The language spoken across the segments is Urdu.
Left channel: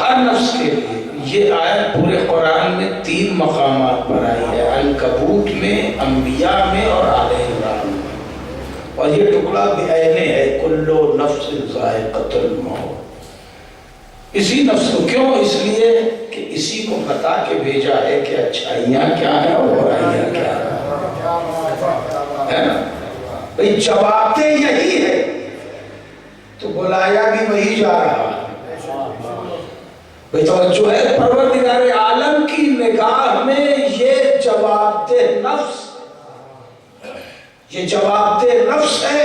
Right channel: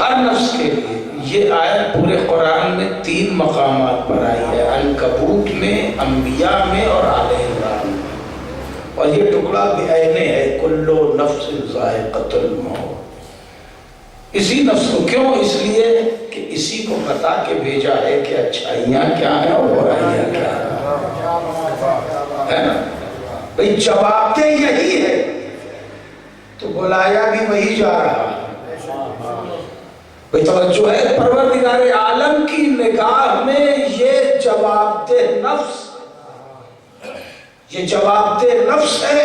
ہر نفس کے لیے. یہ آیت پورے قرآن میں 3 مقامات پر آئی ہے، عنکبوت میں، انبیاء میں اور آل عمران میں. اور یہ ٹکڑا بعینہ ہے، کلو نفس ذائقۃ الموت. اسی نفس کو کیوں؟ اس لیے کہ اسی کو بتا کے بھیجا ہے کہ اچھائیاں کیا ہیں اور برائیاں کیا ہیں. بھئی جواب دہ یہی ہے تو بلایا بھی وہی جا رہا ہے. بھئی توجہ ہے، پروردگار عالم کی نگاہ میں یہ جواب دہ نفس، یہ جواب دہ نفس ہے.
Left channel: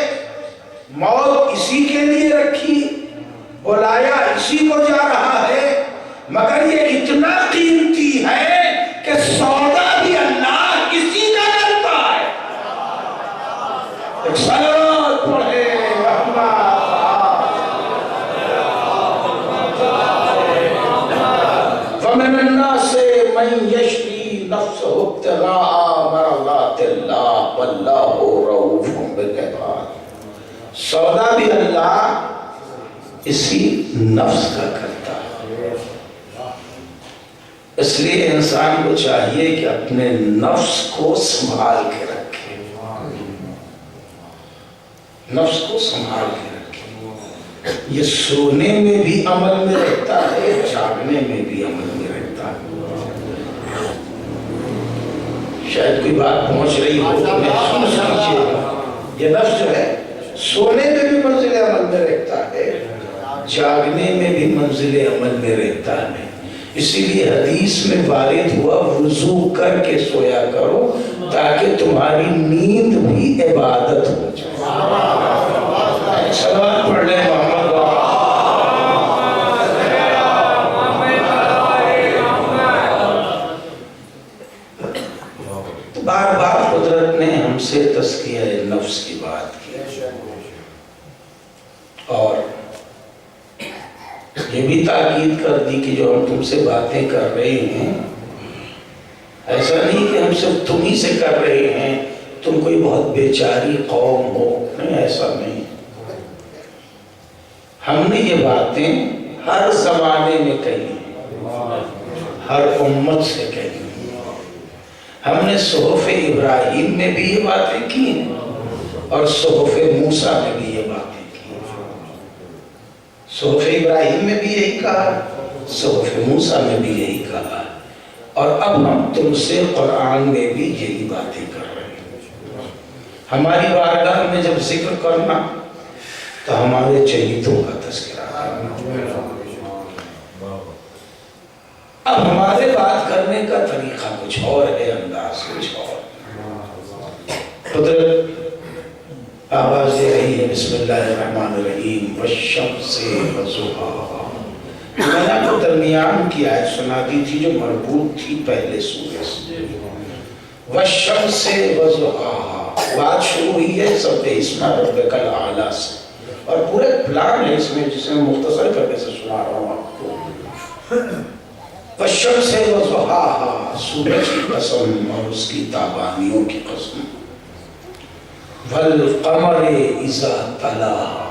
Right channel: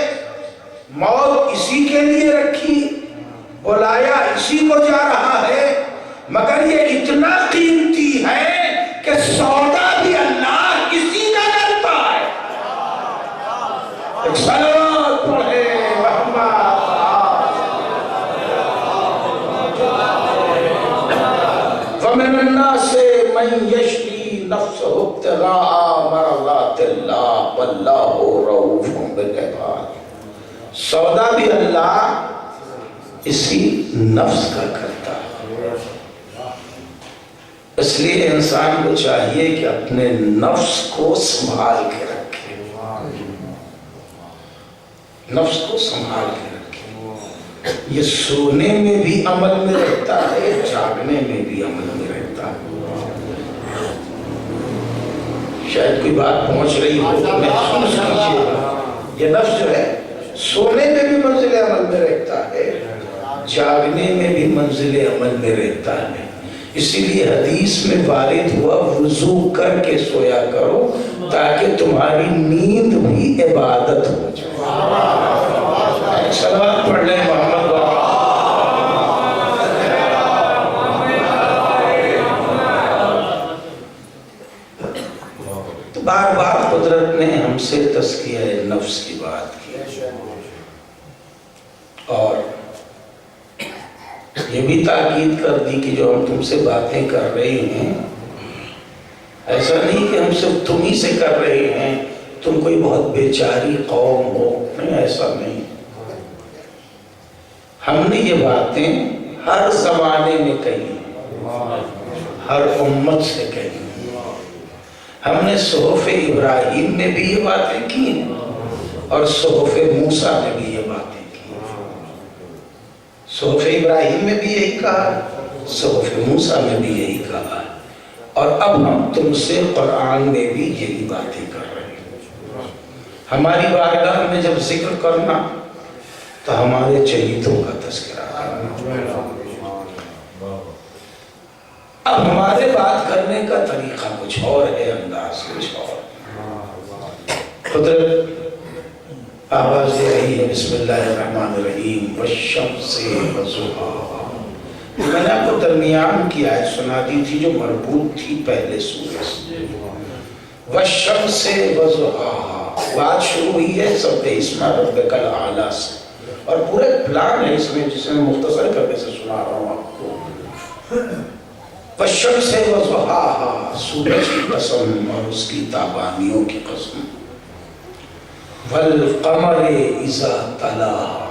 موت اسی کے لیے رکھی، بلایا اسی کو جا رہا ہے، مگر یہ اتنا قیمتی ہے کہ سودا بھی اللہ اسی کا کرتا ہے. ایک صلوات پڑھے ومن الناس من یشری نفسہ ابتغاء مرضات اللہ واللہ رؤوف بالعباد. سودا بھی اللہ اسی نفس کا کرتا ہے. اس لیے انسان کو چاہیے کہ اپنے نفس کو سنبھال کے رکھے، نفس کو سنبھال کے رکھے. یہ سونے میں بھی عمل میں رہتا ہے، جاگنے میں بھی عمل میں رہتا ہے. شاید کوئی بات پہنچ رہی ہو، محسوس کیجیے. یہ نفس جو ہے سونے میں بھی منزل عمل میں رہتا ہے، جاگنے میں بھی منزل عمل میں رہتا ہے. اسی لیے حدیث میں وارد ہوا وضو کر کے سویا کرو تاکہ تمہاری نیند بھی عبادت ہو جائے. صلوات پڑھ لیں محمد. تو بار بار قدرت نے ہم سے تزکیہ نفس کی بات کی، اور یہ بھی تاکید کر دی کہ جو ہم تم سے باتیں کر رہے ہیں، ایسا نہیں کہ ہم صرف تم ہی سے کر رہے ہیں، تم کوئی بہت بیچاری قوم ہو. نہیں، ایسا نہیں. ہم نے یہ باتیں ہر زمانے میں کہی ہیں، ہر امت سے کہی ہیں. ہم نے صحف ابراہیم میں بھی یہ باتیں کی ہیں اور صحف موسیٰ میں بھی یہ باتیں کی ہیں. صحف ابراہیم میں بھی یہی کہا، صحف موسیٰ میں بھی یہی کہا، اور اب ہم تم سے قرآن میں بھی یہی باتیں کر رہے ہیں. ہماری بارگاہ میں جب ذکر کرنا تو ہمارے چہیتوں کا تذکرہ کرنا. اب ہمارے بات کرنے کا طریقہ کچھ اور ہے، انداز کچھ اور. قدرت آواز دے رہی ہے، بسم اللہ الرحمن الرحیم، والشمس وضحاہا. میں نے آپ کو درمیان کی آیت سنا دی تھی جو مربوط تھی پہلے سورہ سے. والشمس وضحاہا، بات شروع ہوئی ہے سبح اسم ربک الاعلی سے، اور پورے پلان ہے اس میں جسے میں مختصر کرنے سے سنا رہا ہوں آپ کو. والشمس وضحاہا، سورج کی قسم اور اس کی تابانیوں کی قسم. والقمر اذا تلاہا،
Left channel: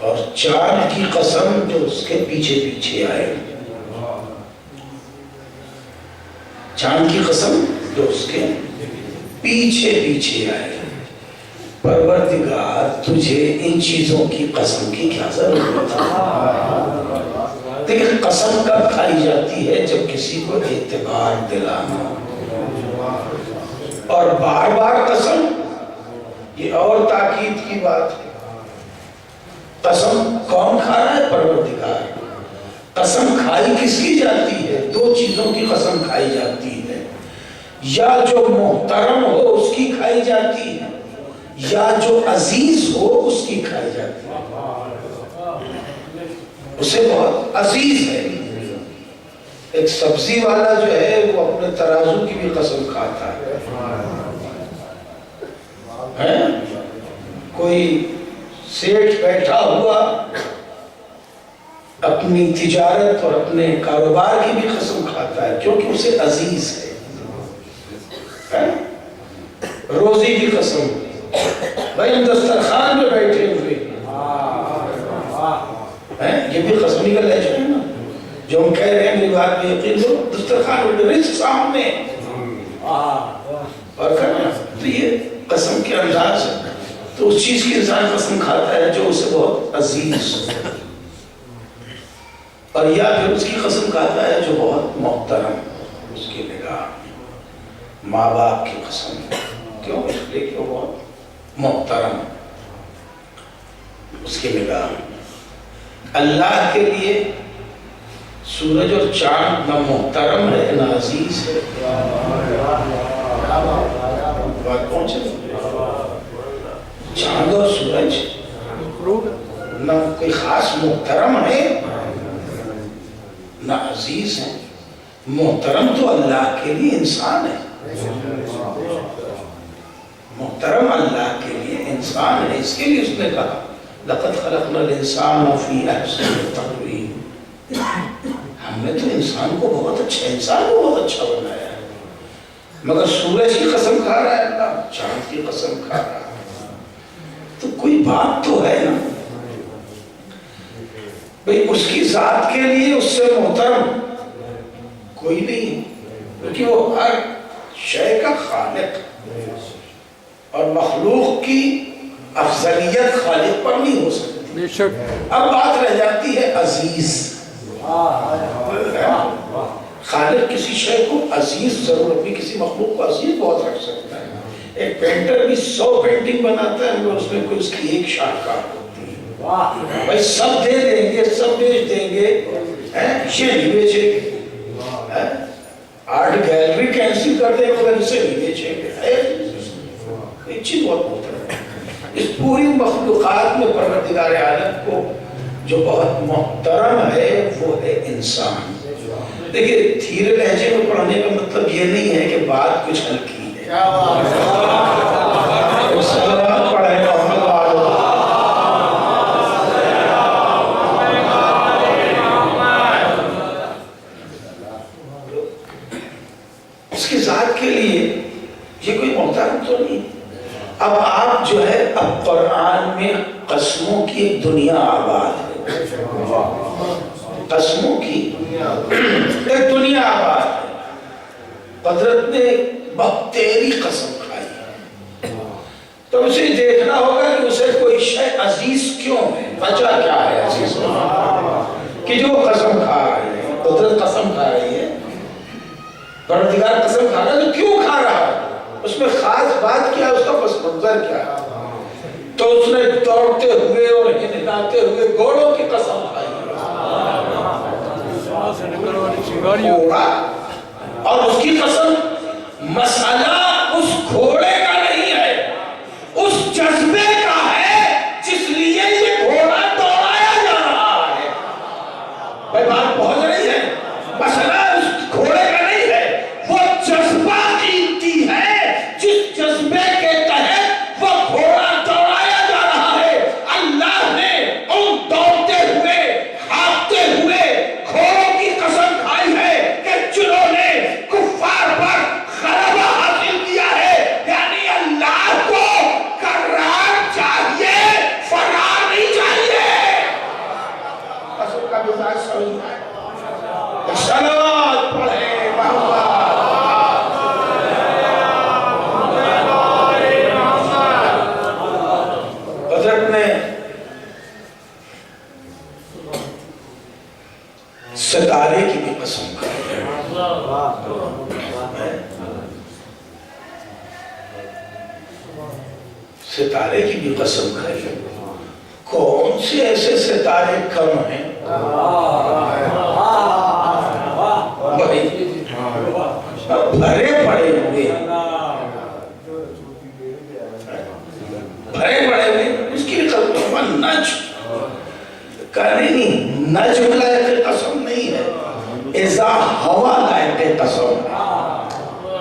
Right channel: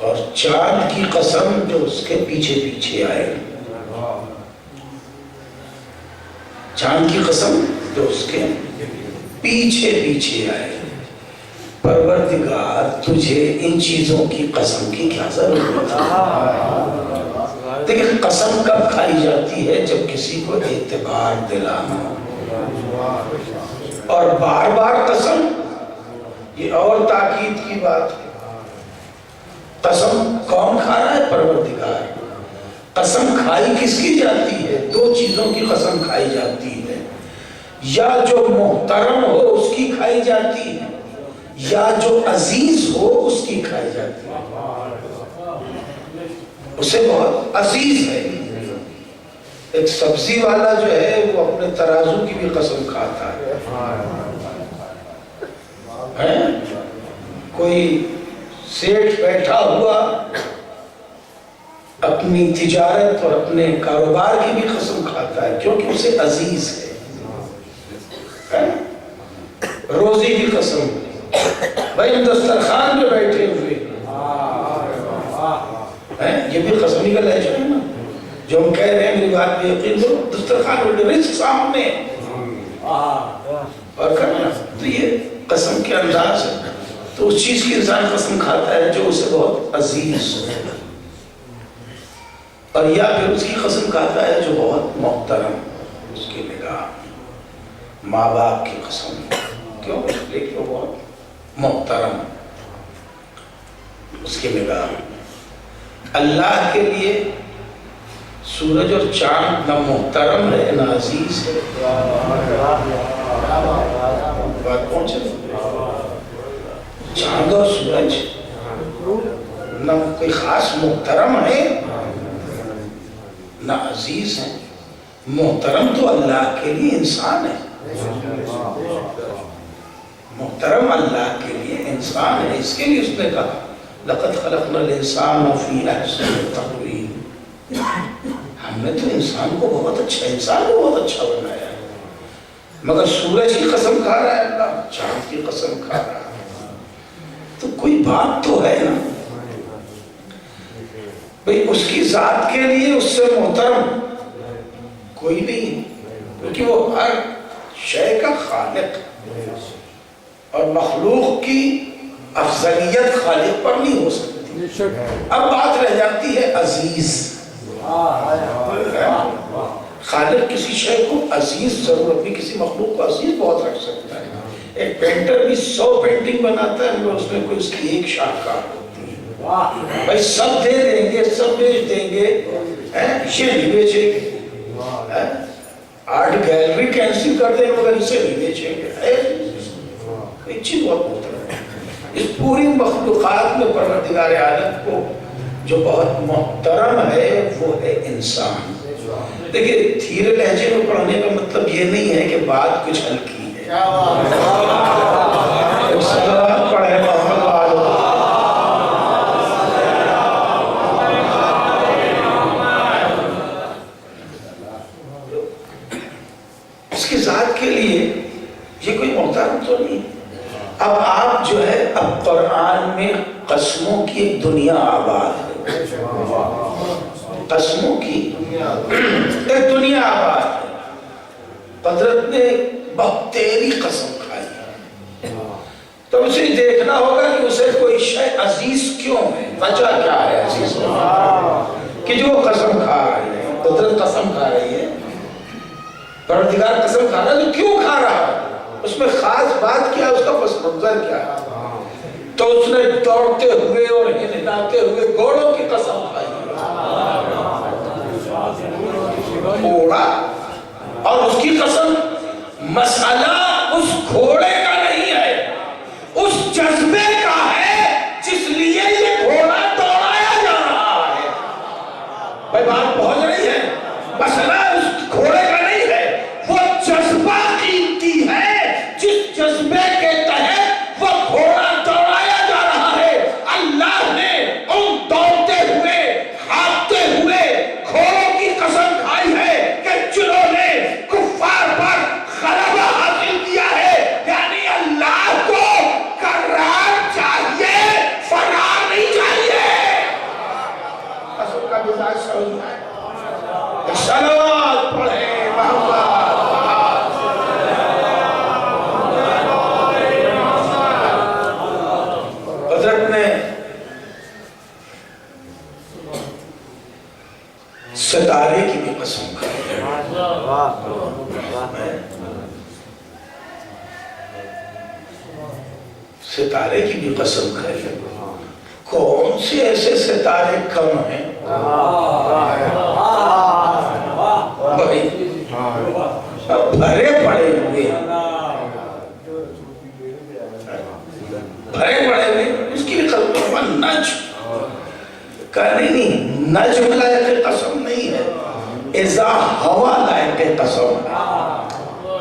اور چاند کی قسم جو اس کے پیچھے پیچھے آئے. چاند کی قسم جو اس کے پیچھے پیچھے آئے. پروردگار تجھے ان چیزوں کی قسم کی کیا ضرورت ہے؟ لیکن قسم کب کھائی جاتی ہے؟ جب کسی کو اعتبار دلانا. اور بار بار قسم، یہ اور تاکید کی بات ہے. قسم کون کھا رہا ہے؟ پروردگار. قسم کھائی کس کی جاتی ہے؟ 2 چیزوں کی قسم کھائی جاتی ہے، یا جو محترم ہو اس کی کھائی جاتی ہے، یا جو عزیز ہو اس کی کھائی جاتی ہے. اسے بہت عزیز ہے. ایک سبزی والا جو ہے وہ اپنے ترازو کی بھی قسم کھاتا ہے. کوئی سیٹھ بیٹھا ہوا اپنی تجارت اور اپنے کاروبار کی بھی قسم کھاتا ہے کیونکہ اسے عزیز ہے. روزی کی قسم. بھائی دسترخوان پہ بیٹھے ہوئے یہ بھی قسم کا لہجہ ہے نا. جو ہم کہہ رہے ہیں میری بات پہ یقین کرو، دسترخوان رزق سامنے اور کرنا، تو یہ قسم کے انداز ہے. تو اس چیز کی انسان قسم کھاتا ہے جو اسے بہت عزیز ہے، اور یا پھر اس کی قسم کھاتا ہے جو بہت محترم اس کی نگاہ. ماں باپ کی قسم کیوں؟ اس لیے کہ وہ بہت محترم اس کی نگاہ. اللہ کے لیے سورج اور چاند نہ محترم ہے نہ عزیز ہے. بات پہنچے؟ چاند اور سورج نہ کوئی خاص محترم ہے نہ عزیز ہے. محترم تو اللہ کے لیے انسان ہے، محترم اللہ کے لیے انسان ہے. اس کے لیے اس نے کہا لَقَدْ خَلَقْنَا الْإِنسَانَ فِي أَحْسَنِ تَقْوِيمٍ. ہم نے تو انسان کو بہت اچھا بنایا ہے. مگر سورج کی قسم کھا رہا ہے اللہ، چاند کی قسم کھا رہا ہے. تو کوئی بات تو ہے نا بھئی، اس کی ذات کے لیے اس سے محترم کوئی نہیں، کیونکہ وہ ہر شے کا خالق، اور مخلوق کی افضلیت خالق پر نہیں ہو سکتی. اب بات رہ جاتی ہے عزیز. خالق کسی شے کو عزیز ضرور، بھی کسی مخلوق کو عزیز بہت رکھ سکتا ہے. ایک پینٹر بھی 100 پینٹنگ بناتا ہے مگر اس میں کوئی اس کی ایک شاہکار ہوتی ہے. بھائی سب دے دیں گے، سب بیچ دیں گے، یہ نہیں بیچیں گے. آرٹ گیلری کینسل کر دیں مگر اسے نہیں بیچیں گے. ایک چیز بہت محترم ہے، اس پوری مخلوقات میں پروردگار عالم کو جو بہت محترم ہے وہ ہے انسان. دیکھیے دھیرے لہجے میں پڑھنے کا مطلب یہ نہیں ہے کہ بات کچھ ہلکی ہے. پڑھے محمد والو اس کی ذات کے لیے یہ کوئی محترم تو نہیں. اب آپ جو ہے اب قرآن میں قسموں کی ایک دنیا آباد ہے، قسموں کی ایک دنیا آباد ہے. قدرت نے بہت تیری قسم کھائی ہے، تو اسے دیکھنا ہوگا کہ اسے کوئی شے عزیز کیوں ہے، وجہ کیا ہے عزیز کہ جو قسم کھا رہی ہے. قدرت قسم کھا رہی ہے، پروردگار قسم کھا رہا ہے، تو کیوں کھا رہا ہے؟ اس میں خاص بات کیا ہے، اس کا پس منظر کیا ہے؟ تو اس نے دوڑتے ہوئے اور ہلاتے ہوئے گھوڑوں کی قسم کھائی گھوڑا، اور اس کی قسم مسئلہ اس گھوڑے کا نہیں ہے، اس جذبے کا ہے جس لیے یہ گھوڑا دوڑایا جا رہا ہے. بھائی بات پہنچ رہی ہے؟ مسئلہ اس گھوڑے کا نہیں ہے، وہ جذبہ قیمتی ہے جس جذبے کے تحت وہ گھوڑا دوڑایا جا رہا ہے. اللہ نے ان دوڑتے ہوئے ہانپتے ہوئے گھوڑوں کی قسم کھائی ہے کہ جنہوں نے کفار پر غلبہ حاصل کیا ہے. یعنی اللہ کو قرار چاہیے، فرار نہیں چاہیے. قسم کا مزاج سمجھ ہے. صلوات پڑھے حضرت نے ستارے کی بھی قسم کھائی ہے. ستارے کی بھی قسم کھائی ہے. کون سے ایسے ستارے کم ہیں بھرے پڑے ہوئے، بھرے پڑے ہوئے. اس کی قسم نجم کہنے نہیں، نجم لائق قسم نہیں ہے، اذا ہوا لائق قسم ہے.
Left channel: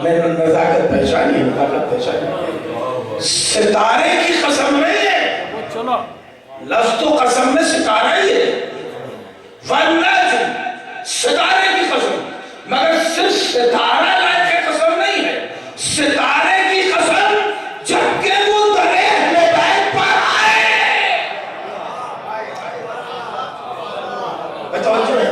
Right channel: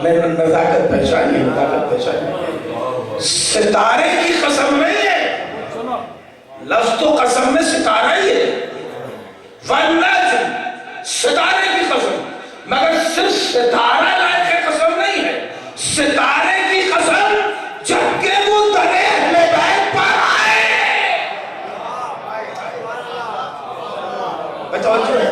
میں نے نزاکت پہچانی، نزاکت پہچانی. ستارے کی قسم نہیں ہے، لفظ تو قسم میں ستارہ ہی ہے. والنجم ستارے کی قسم، مگر صرف ستارہ لائق قسم نہیں ہے، ستارے کی قسم جب کہ وہ درے اہل بیت پر آئے. توجہ ہے.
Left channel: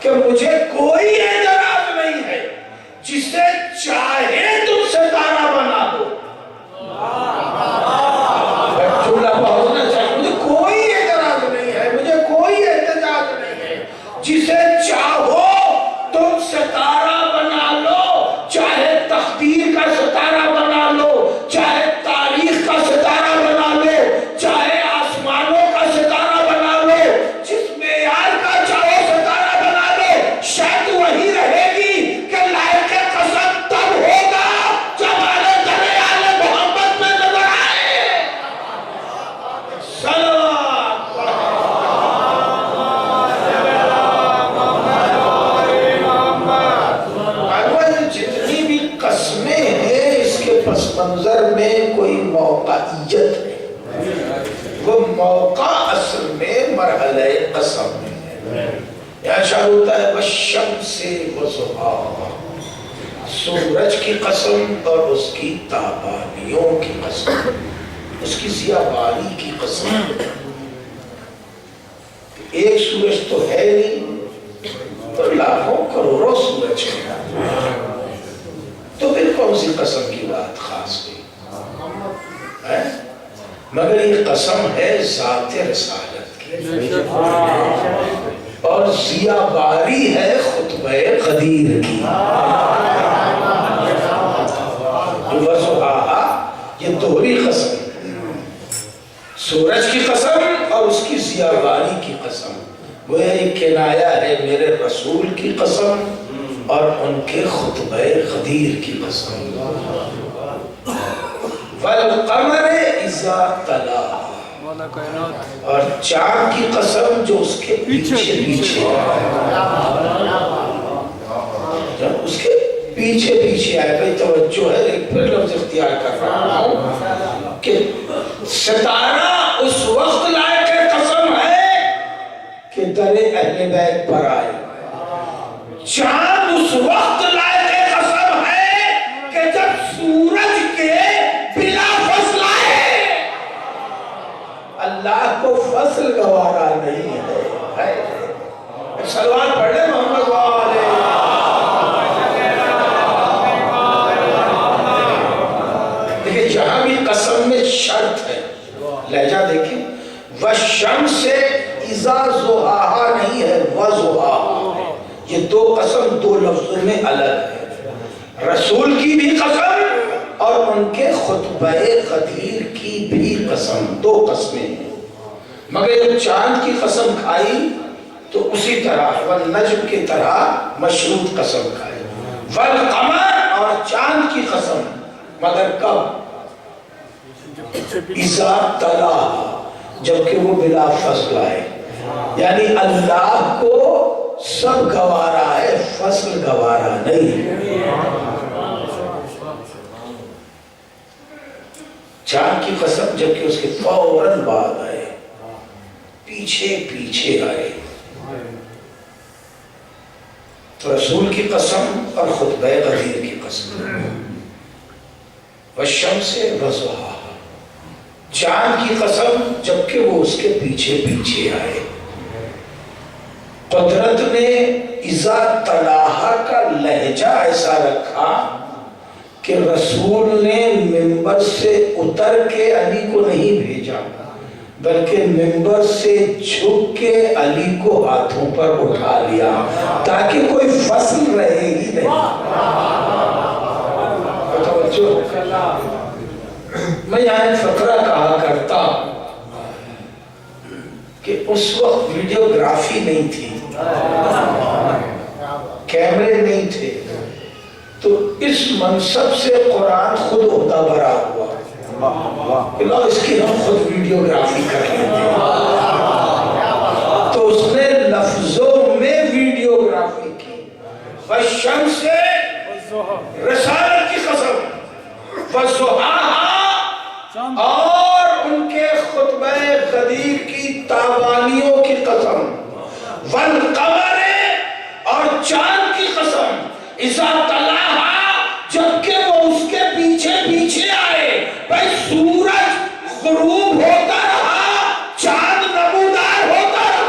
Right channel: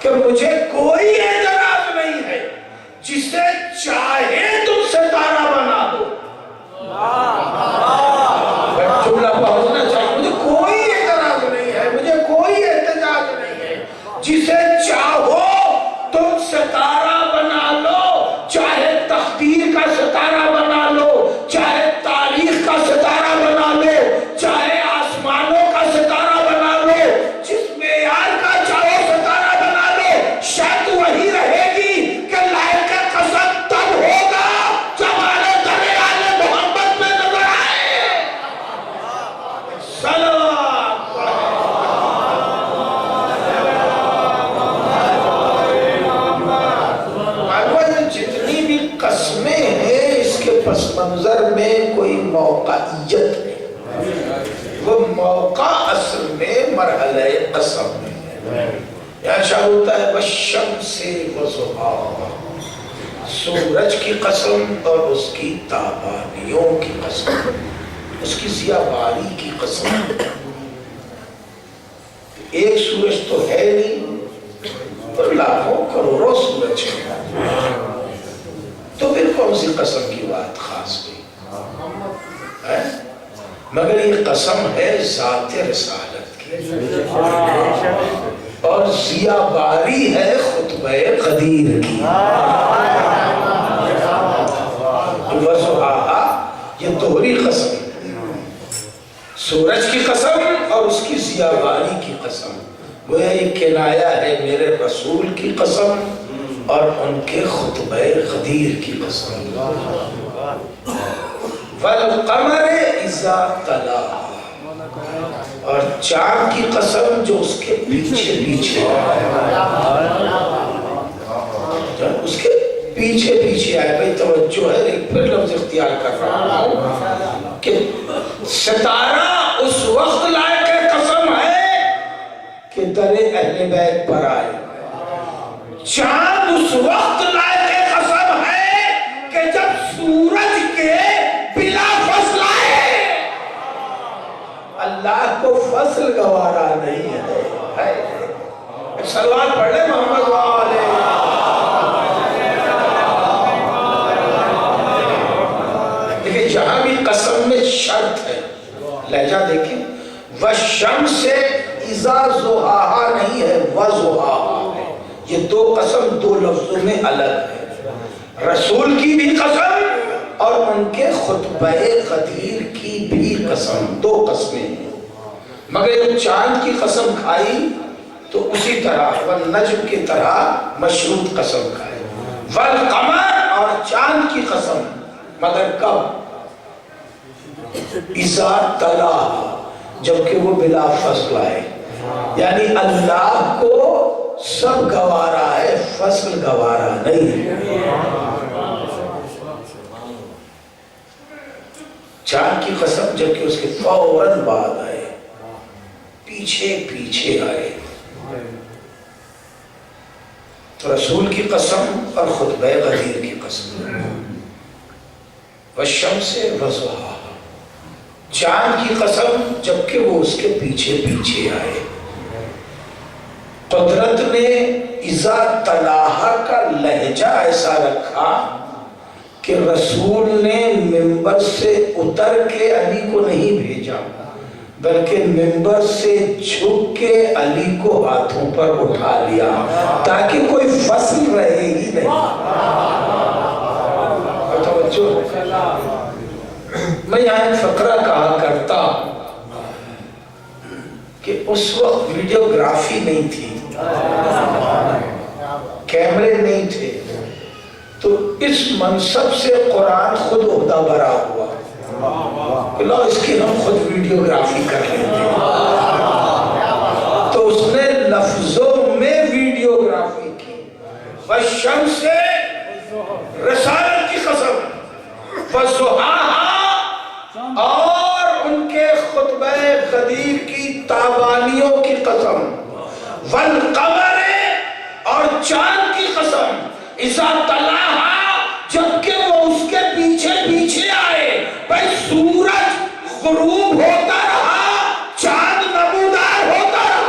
کہ مجھے کوئی اعتراض نہیں ہے جسے چاہے تم ستارہ بنا دو. جملہ پہنچنا چاہیے. مجھے کوئی اعتراض نہیں ہے, مجھے کوئی احتجاج نہیں ہے. جسے چاہو تم ستارہ بنا لو, چاہے تقدیر کا ستارہ بنا لو, چاہے تاریخ کا ستارہ بنا لو, چاہے آسمانوں کا ستارہ بنا لو, جس معیار کا چاہو ستارہ بنا لو, شاید وہی رہے گی کہ لائق قسم تب ہوگا جب ہمارے دریال محمد میں نظر آئے. صلوات جتنی بھی قسمیں ہیں اس کے پس منظر میں کوئی موقعیت ہے. وہ موقع اصل میں مرحلہ قسم ہے. یہاں شاید ہوتا ہے والشمس وضحاہا, سورج کی قسم اور اس کی تابانیوں کی قسم, اس کی ضیاء باری کی قسم. ایک سورج تو ہے نہیں, تو لاکھوں کروڑوں سورج ہیں, تو پھر کون سی قسم کی بات خاص ہوئی؟ مگر یہ قسم ہے ذات رسالت کی, اور ضیاء باری ہے خطبہ قدیر کی. وضحاہا یہ دوہری قسم, سورج کی قسم اور اس کی ضیاء باری کی قسم. وہ یہ کنایا ہے میرے رسول کی قسم اور ان کے خطبہ قدیر کی قسم. والقمر اذا تلاہا, اور چاند کی قسم جو اس کے پیچھے پیچھے اس کے پیچھے پیچھے آئے. بھئی توجہ ہے, ایک پھر لفظ اختیار کر رہا ہوں کہ ستارہ اس وقت لائق قسم ہے کہ در اہل بیت پر آئے. چاند اس وقت لائق قسم ہے کہ جب سورج کے بلا فصل آئے. اللہ کو فصل گوارا نہیں ہے. سلوات پڑھ لیں محمد والے. دیکھیں جہاں بھی قسم میں شرط ہے, لہجہ دیکھیں, والشمس اذا ضحاہا نہیں ہے, وضحاہا. یہ دو قسم دو لفظوں میں الگ ہے. رسول کی بھی قسم اور ان کے خطبہ قدیر کی بھی قسم, دو قسمیں ہیں. مگر جب چاند کی قسم کھائی تو اسی طرح والنجم کی طرح مشروط قسم کھائی. والقمر اور چاند کی قسم, مگر کب؟ اذا تلاہا, جبکہ وہ بلا فصل آئے. یعنی اللہ کو سب گوارا ہے, فصل گوارا نہیں. چاند کی قسم جبکہ اس کے فوراً بعد آئے, پیچھے پیچھے آئے. رسول کی قسم اور خطبہ قدیر کی قسم. والشمس وضحاہا, چاند کی قسم جبکہ وہ اس کے پیچھے پیچھے آئے. قدرت نے اذا تلاہا کا لہجہ ایسا رکھا کہ رسول نے منبر سے اتر کے علی کو نہیں بھیجا, بلکہ منبر سے جھک کے علی کو ہاتھوں پر اٹھا لیا تاکہ کوئی فصل رہے ہی نہیں. میں یہاں ایک فقرہ کہا کرتا کہ اس وقت ویڈیوگرافی نہیں تھی, کیمرے نہیں تھے, تو اس منصب سے قرآن خود عہدہ برا ہوا کہ لو اس کی ہم خود ویڈیوگرافی کر لیتے ہیں. تو اس نے لفظوں میں ویڈیوگرافی کی. والشمس رسالت کی قسم, وضحاہا اور ان کے خطبہ قدیر کی تابانیوں کی قسم. والقمر اور چاند کی قسم اذا تلاہا جبکہ وہ اس کے پیچھے پیچھے آئے. بھئی سورج غروب ہوتا رہا, چاند نمودار ہوتا رہا,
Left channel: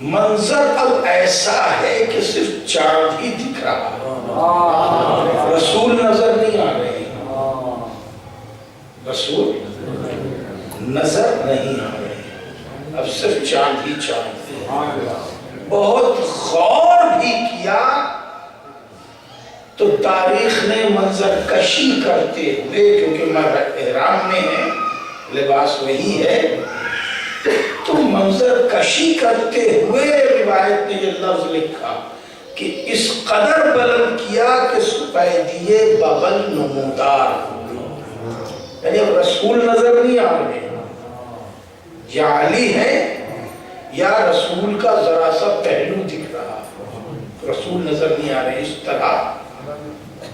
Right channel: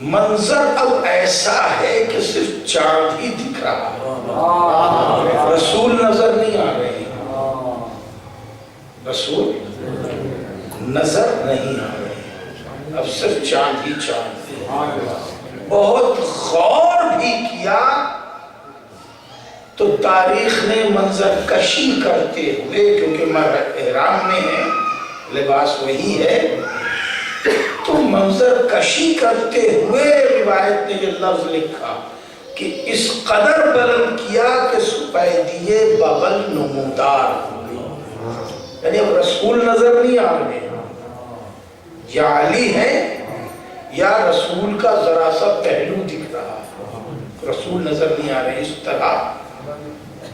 منظر اب ایسا ہے کہ صرف چاند ہی دکھ رہا ہے، رسول نظر نہیں آ رہے، رسول نظر نہیں آ رہے، اب صرف چاند ہی چاند ہے۔ بہت غور بھی کیا تو تاریخ نے منظر کشی کرتے ہوئے، کیونکہ احرام میں ہے، لباس وہی ہے، تو منظر کشی کرتے ہوئے روایت نے یہ لفظ لکھا کہ اس قدر بلند کیا کہ سپیدیے بغل نمودار ہوئی، یعنی اب رسول نظر نہیں آ رہے، یا علی ہے یا رسول کا ذرا سا پہلو دکھ رہا، رسول نظر نہیں آ رہے، اس طرح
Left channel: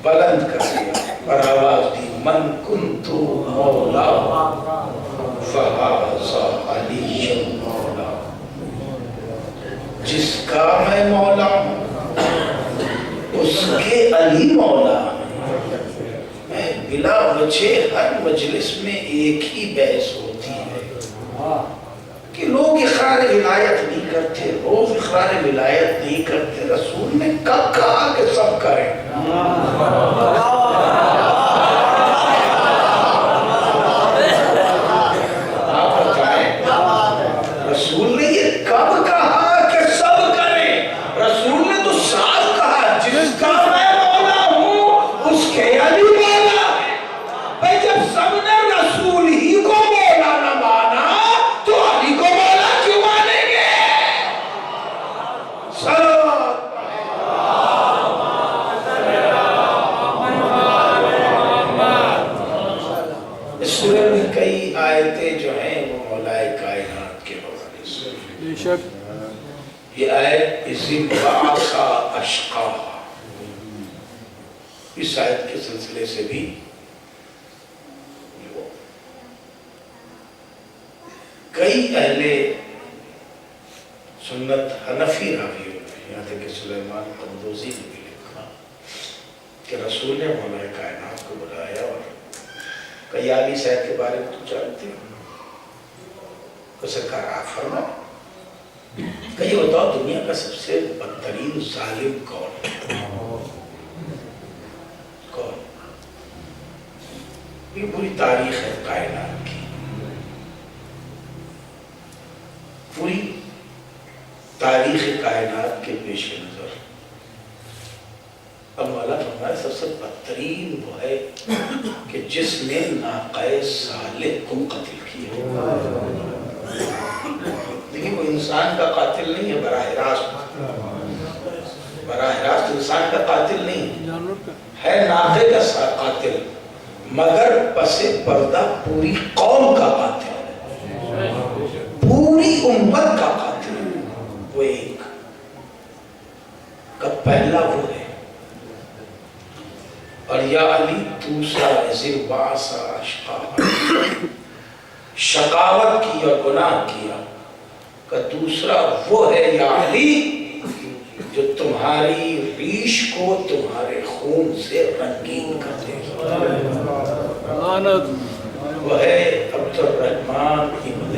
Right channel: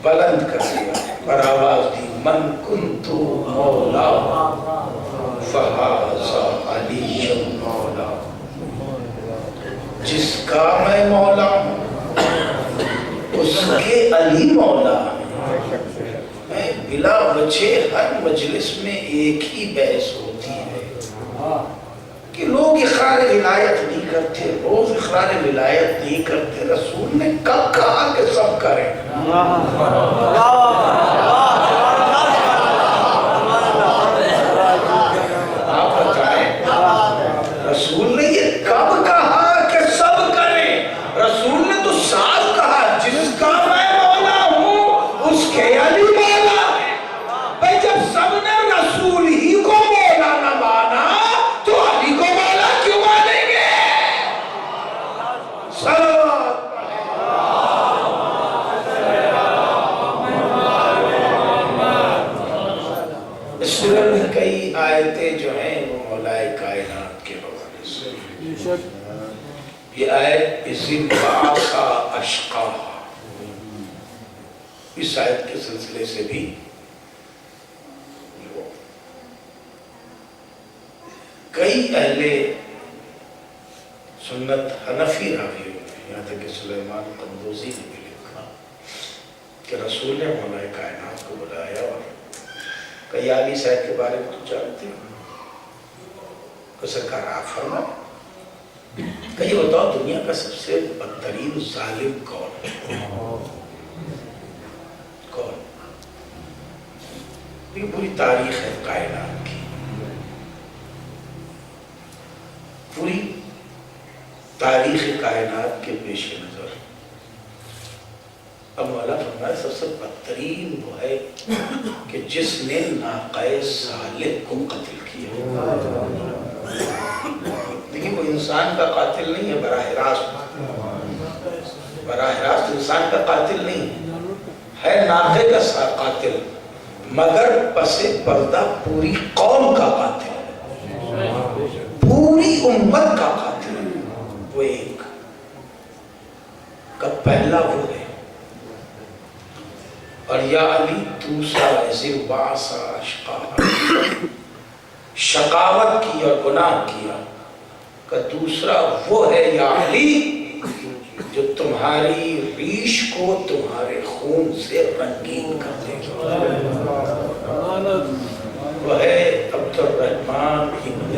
بلند کر دیا اور آواز دی، من کنتو مولا فہذا علی مولا، جس کا میں مولا ہوں اس کے علی مولا ہے۔ بلا وجہ ہر مجلس میں ایک ہی بحث ہوتی ہے کہ لوگ اقرار ولایت نہیں کرتے، روز اقرار ولایت نہیں کرتے، رسول نے کب کہا کہ سب کریں؟ آپ بتائیں، رسول نے یہ کب کہا کہ سب کریں؟ رسول نے تو صاف کہا جس کا میں مولا ہوں اس کے علی مولا ہے۔ بھئی جب سب نے رسول ہی کو مولا نہ مانا تو علی کو مولا کیوں مانیں گے؟ اس سورہ میں کئی آیتیں جو ہیں وہ مولائے کائنات کے حوالے سے، یہ آیت اذ بعث اشقاہا، اس آیت کے سلسلے سے بھی کئی اہل سنت حنفی راوی ہوتے ہیں، یہاں تک کہ سلیمان قندوزی نے بھی لکھا کہ رسول نے مولائے کائنات کو بلایا اور کئی عالی صاحب کے بارے میں تو جانتے ہیں کہ سرکار آپ فرمائے کہ یہ بتاؤ دنیا کا سب سے بدترین ظالم کون ہے؟ کون؟ یہ پوری تاریخ ہے کائنات کی، پوری تاریخ کائنات کے پیش نظر اب مولا فرمایا سب سے بدترین وہ ہے کہ جس نے ناقہ صالح کو قتل کیا۔ دیکھیں وہ انسان کا قاتل نہیں ہے، براہ راست انسان کا قاتل نہیں ہے، ناقے کا قاتل، مگر پس پردہ پوری قوم کا قاتل ہے، پوری امت کا قاتل ہے، وہ ایک کا پہلا وہ ہے۔ اور یا علی دوسرا اذ بعث اشقاہا، شقاوت کی اور گناہ کیا کہ دوسرا وہ ہے یا علی جو تمہاری ریش کو تمہارے خون سے رنگین کر دے گا، وہ ہے عبد الرحمن ابن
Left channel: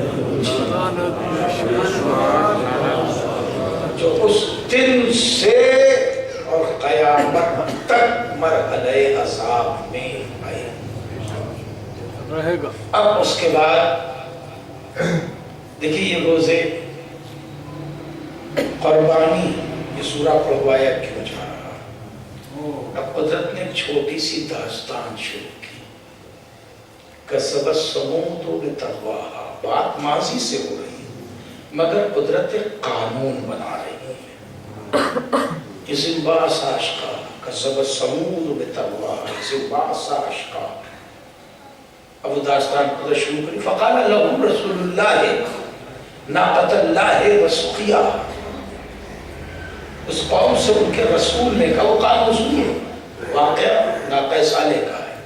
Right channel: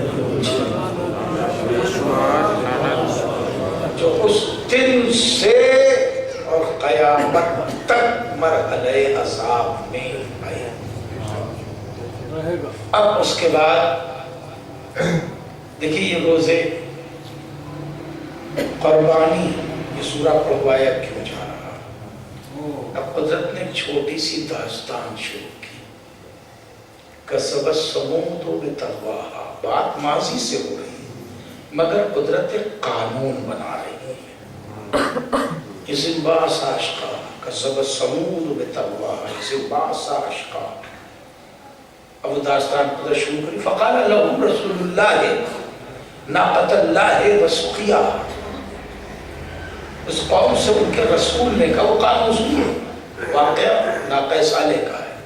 جو اس دن سے اور قیامت تک مرحلہ عذاب میں آئے۔ اب اس کے بعد دیکھیے یہ روزے قربانی یہ سورہ پڑھوایا کیوں جا رہا؟ اب قدرت نے چھوٹی سی داستان شروع کی، کسبت ثمود بتقواہا، بات ماضی سے ہو رہی ہے مگر قدرت قانون بنا رہی ہے۔ اذ بعث اشقاہا کسبت ثمود بتقواہا اذ بعث اشقاہا، اب داستان قدر شروع کری، فقال لهم رسول اللہ ناقۃ اللہ وسقیاہا، اس قوم سے ان کے رسول نے کہا، وہ قانون سنیے، واقعہ ناقہ صالح کا ہے،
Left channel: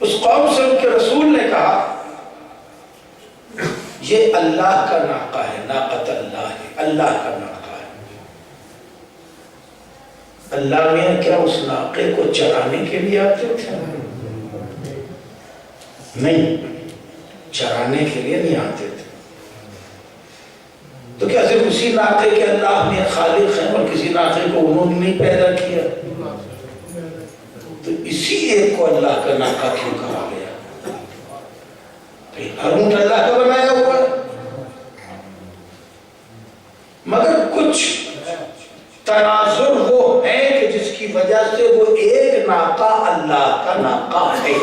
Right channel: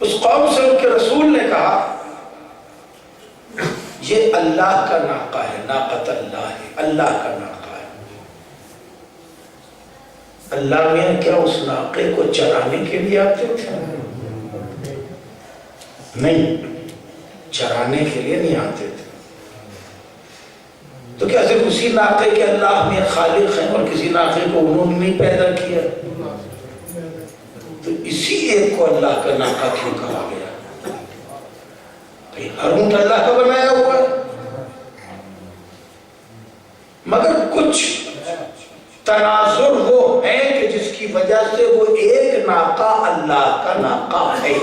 اس قوم سے ان کے رسول نے کہا یہ اللہ کا ناقہ ہے، ناقۃ اللہ ہے، اللہ کا ناقہ ہے۔ اللہ میں کیا اس ناقے کو چرانے کے لیے آتے تھے؟ نہیں، چرانے کے لیے نہیں آتے تھے۔ تو کیا صرف اسی ناقے کے اللہ میں خالق ہیں اور کسی ناقے کو انہوں نے نہیں پیدا کیا؟ تو اسی ایک کو اللہ کا ناقہ کیوں کہا گیا؟ ہر اونٹ اللہ کا بنایا ہوا ہے، مگر کچھ تناظر وہ ہے کہ جس کی وجہ سے وہ ایک ناقہ اللہ کا ناقہ ہے۔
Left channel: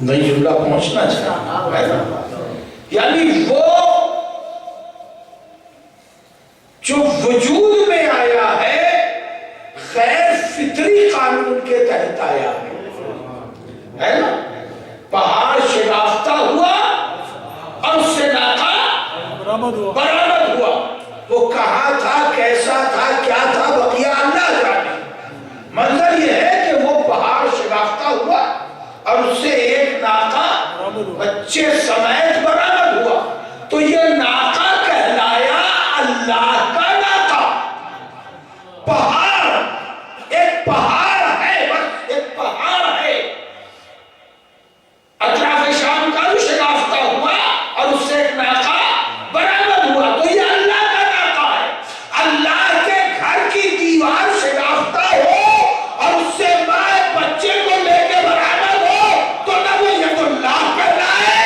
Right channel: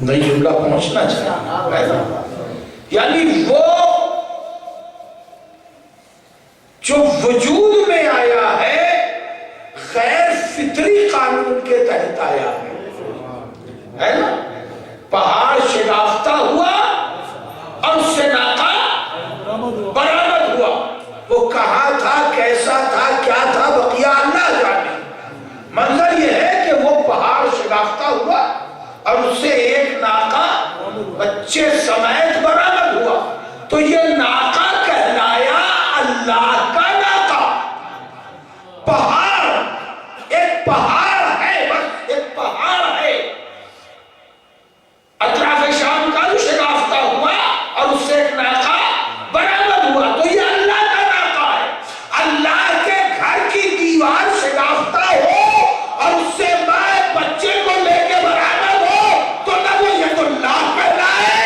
نہیں جملہ پہنچنا چاہیے، یعنی وہ جو وجود میں آیا ہے غیر فطری قانون کے تحت آیا ہے نا؟ پہاڑ شگافتہ ہوا اور اس سے ناقہ برآمد ہوا، وہ کہاں تھا، کیسا تھا، کیا تھا، بقیہ اللہ جانے۔ منظر یہ ہے کہ وہ پہاڑ شگافتہ ہوا اور اس سے ایک ناقہ بچے سمیت برآمد ہوا، تو یہ ناقہ کہلایا اللہ کا ناقہ۔ پہاڑ ایک پہاڑ ہے، بس ایک پہاڑ ہے، اطراف شام کا شگافتہ ہوا اور اس سے ایک ناقہ برآمد ہوا، تو یہ اللہ کا ناقہ ہے۔ اللہ کے گھر کی دیوار شگافتہ ہو اور اس سے مائے بچے کو لے کے برآمد ہو تو نہ وہ ید اللہ کہلائے،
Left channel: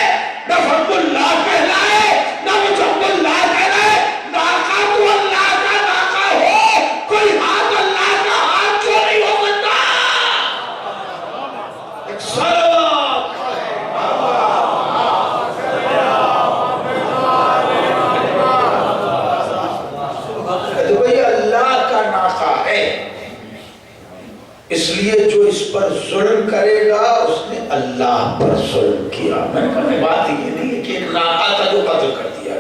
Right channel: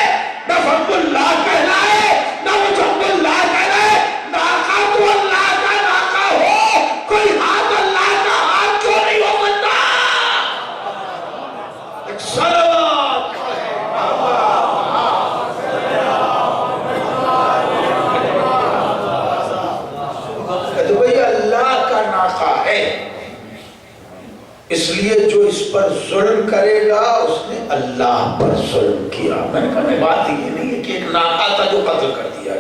نہ فضل اللہ کہلائے، نہ وجود اللہ کہلائے۔ ناقہ تو اللہ کا ناقہ ہو، کوئی ہاتھ اللہ کا ہاتھ کیوں نہیں ہو سکتا؟ ایک صلوات تو بھئی اللہ کا ناقہ ہے، اس لیے جو اس پر ظلم کرے گا اس نے اللہ پر ظلم کیا۔ میں نے کہا بات یہ نہیں ہے کہ ایک ناقہ تھا جو قتل کر دیا،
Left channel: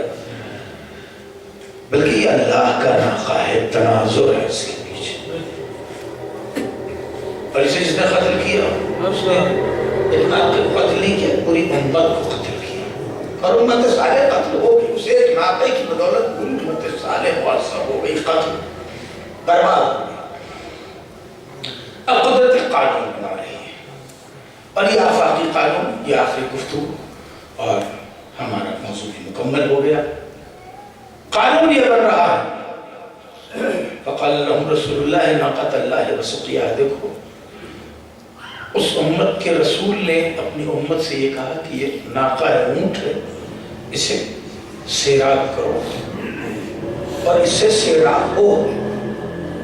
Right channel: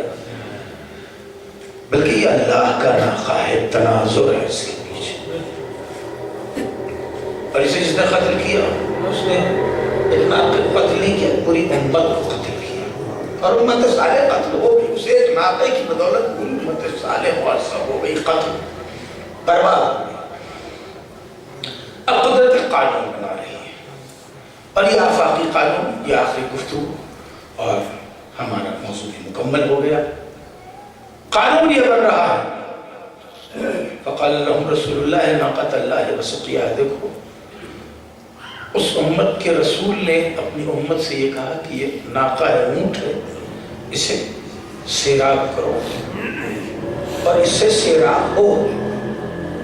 بلکہ یہ اللہ کا ناقہ ہے، تناظر ہے اس کے پیچھے۔ اور اسے جس نے قتل کیا اس نے ایک ناقے کو قتل نہیں کیا، پوری امت کو قتل کیا، اور امت صالح قتل ہو گئی، اسے ایک ناقے کی بدولت پوری امت صالح وارثہ ہو گئی، قتل برباد ہو گئی۔ اب قدرت قانون بنا رہی ہے، اور یہ آفاقی قانون، یہ آخری گفتگو اور ہمارا موضوع بھی مکمل ہو گیا۔ قانون یہ بن رہا ہے، فقال لهم رسول اللہ ناقۃ اللہ وسقیہا۔ دیکھو اس امت کے رسول نے اپنی امت سے یہ کہا کہ یہ ناقہ اونٹ ہے، اسے سیراب کرو اور اس سے سیراب ہو،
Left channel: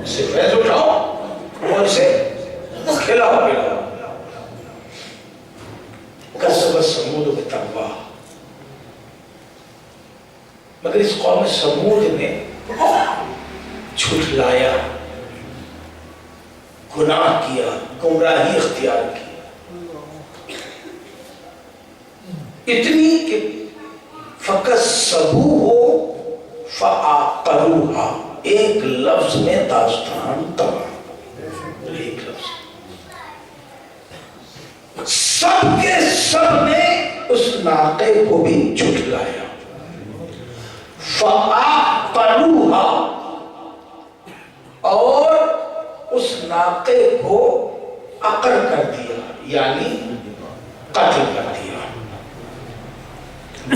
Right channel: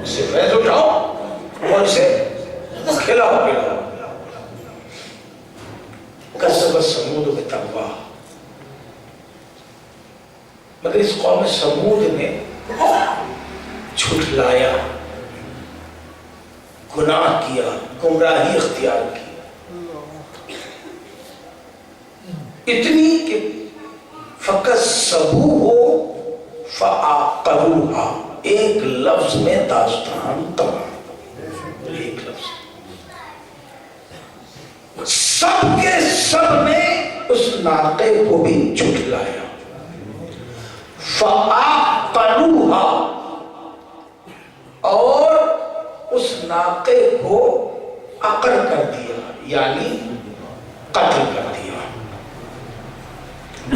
اسے فیض اٹھاؤ اور اسے کھلاؤ پلاؤ۔ کذبت ثمود بطغواہا، مگر اس قوم سمود نے جھٹلایا، گناہ کیا، گمراہی اختیار کی، اتنی کہ فَكَذَّبُوهُ فَعَقَرُوهَا، ایک لفظ میں داستان تمام، ایک لفظ۔ سب کے سب نے اس ناقے کو بھی جھٹلایا۔ فَعَقَرُوهَا، اور اس ناقے کو عقر کر دیا، یعنی قتل کر دیا۔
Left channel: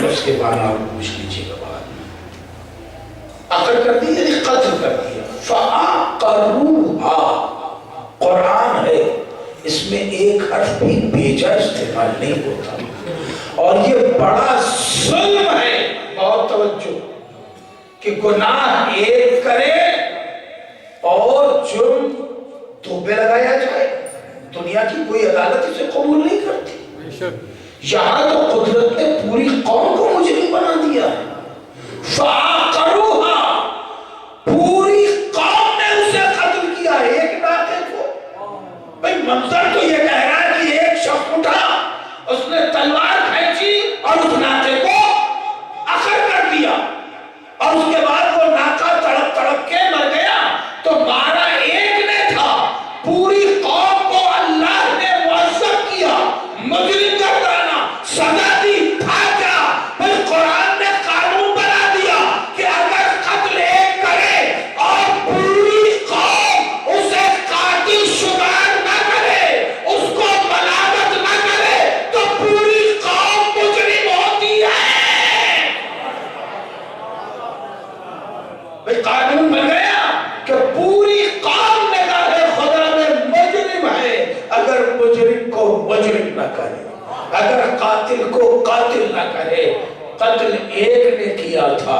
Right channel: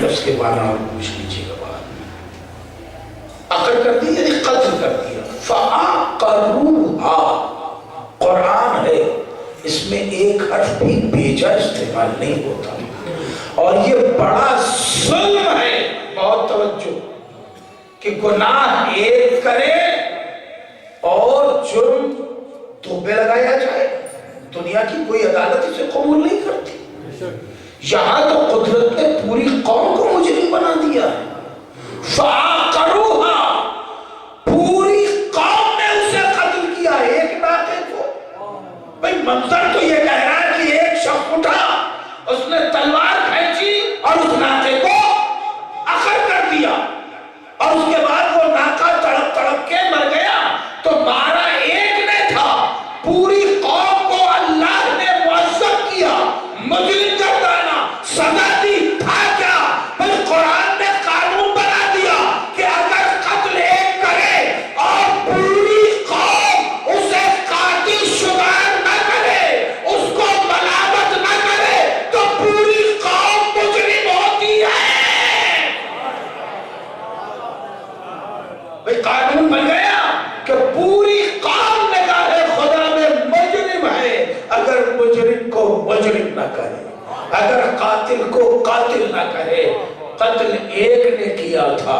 اس کے بعد آپ پوچھ لیجیے گا بعد میں، عقر کر دیا یعنی قتل کر دیا۔ فَعَقَرُوهَا قرآن ہے، اس میں ایک حرف بھی بیجا استعمال نہیں ہوتا، اور یہ بڑا ظلم ہے، بہت توجہ، کہ گناہ ایک کرے اور جرم دو پہ لگایا جائے۔ دنیا کی کوئی عدالت اسے قبول نہیں کرتی، یہاں تو قدرت نے پوری قوم کو مجرم بنا دیا ہے۔ فَعَقَرُوهَا، پوری قوم نے اسے قتل کیا، ایک ناقے کو۔ بھئی منظر تو یہ کہہ رہا ہے کہ ایک شخص اٹھا، اس نے تلوار کھینچی اور اس ناقے کو عقر کر دیا، اور اس کے بعد وہ ناقہ تڑپ تڑپ کے مر گیا۔ تو مارا ایک نے تھا، پوری قوم کو اللہ نے معذب کیا، مجرم کر ڈالا، سزا دی، تھا کیا؟ پھر قرآن نے قانون بنا دیا کہ اگر قتل ایک کرے اور پوری قوم اسے قاتل شمار نہ کرے، اس کو ملامت نہ کرے، تو پوری قوم مجرم ہوتی ہے۔ بھئی قانون بن گیا کہ پوری قوم نگاہ خدا میں مجرم ہے اگر مجرم کو مجرم نہ کرے، اگر قاتل کو قاتل نہ کرے۔ قتل ایک نے کیا تھا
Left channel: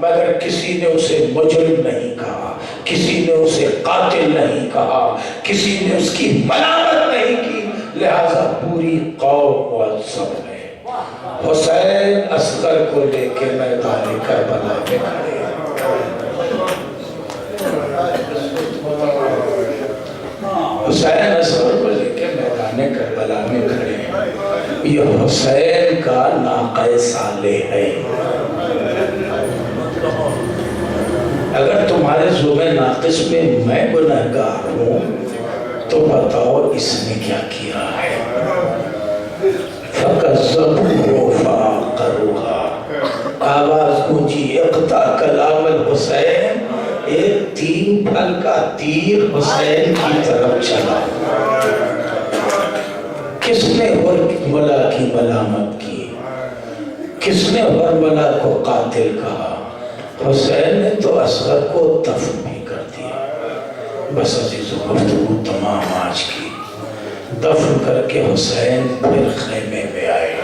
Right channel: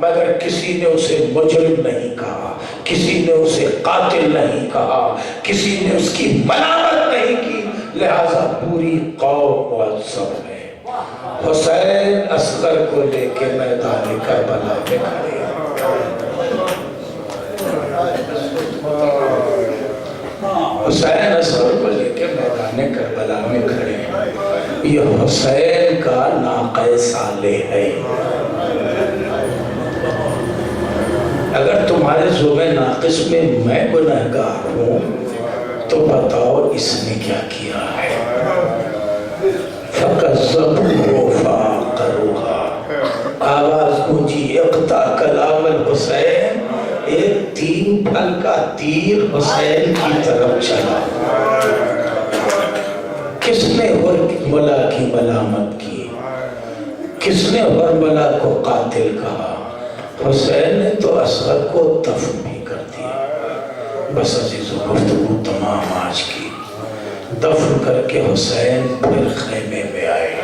مگر کسی نے اسے مجرم نہیں کہا، کسی نے اسے قاتل نہیں کہا، کسی نے اس کی ملامت نہیں کی، لہذا پوری قوم معذب ہے۔ حسین اصغر کو لے کے میدان کربلا میں کھڑے ہیں۔ حسین اصغر کو لے کے میدان کربلا میں کھڑے ہیں۔ یہ حسین کا ناقہ صالح ہے۔ اگر تمہارے ذوق ناقص میں میں گنہگار ہوں تو بتاؤ اس نے کیا کیا ہے؟ فَكَذَّبُوهُ فَعَقَرُوهَا، آواز گونجی اقطع کلام الحسین، ایک 3 پھل کا تیر حسین کی طرف چلا۔ کس نے حرملہ کی ملامت کی؟ کس نے حرملہ کو قاتل کہا؟ حسین نے تو اصغر کو دفن بھی کر دیا۔ بس عزیز و گفتگو تمام آج کی، دفن کر کے حسین پھر خیمے میں آئے۔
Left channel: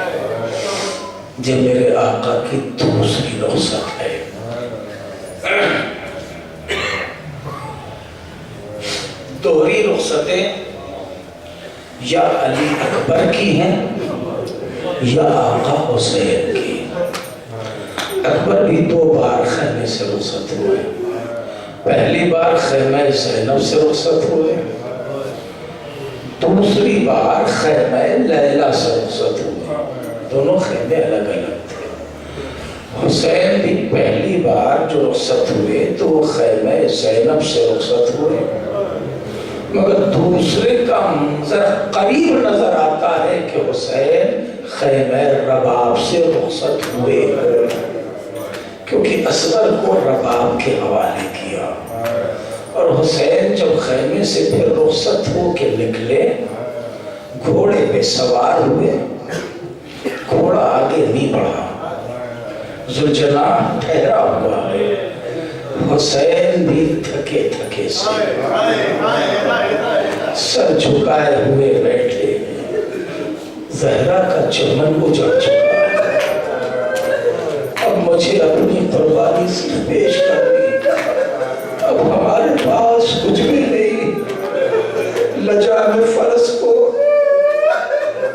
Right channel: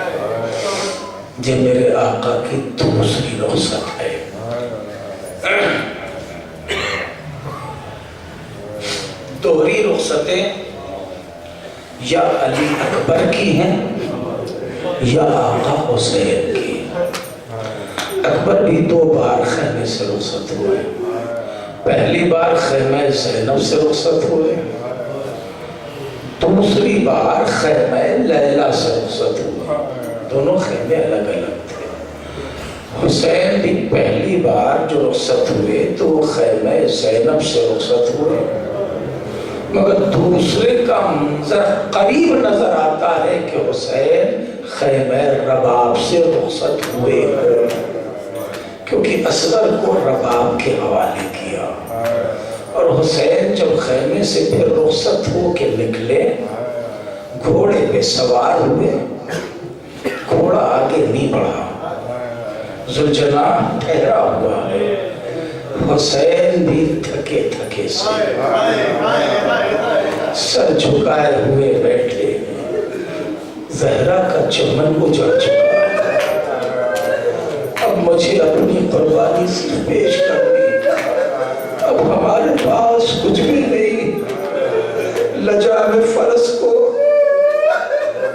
یہ میرے آقا کی دوسری رخصت ہے۔ دوہری رخصتیں یا علی اکبر کی ہیں یا آقا حسین کی۔ اکبر بھی 2 بار خیمے سے رخصت ہوئے۔ پہلی بار خیمہ زینب سے رخصت ہوئے، دوسری بار خیمہ لیلہ سے رخصت ہوئے۔ دونوں خیمے الگ الگ تھے۔ حسین بھی پہلی بار جو رخصت ہوئے تو وہ خیمہ زینب سے رخصت ہوئے، مگر دوسرے کا منظر قریب نظر آتا ہے کہ حسین خیمہ رباب سے رخصت ہوئے، کیونکہ اصغر کو رباب کے حوالے کیا۔ اور حسین جب خیمے سے پھر رخصت ہو کے نکلے، گھوڑے پہ سوار ہوئے، گھوڑا آگے نہیں بڑھا، ذوالجناح ٹھہرا ہوا ہے، حسین بھی تھکے تھکے سے سر جھکائے ہوئے بیٹھے۔ زہرا کا چمن اجڑ چکا، اب مجھے اپنی قربانی صرف پیش کرنی، اب ہمارے پاس کچھ بھی نہیں۔ لجام فرس کو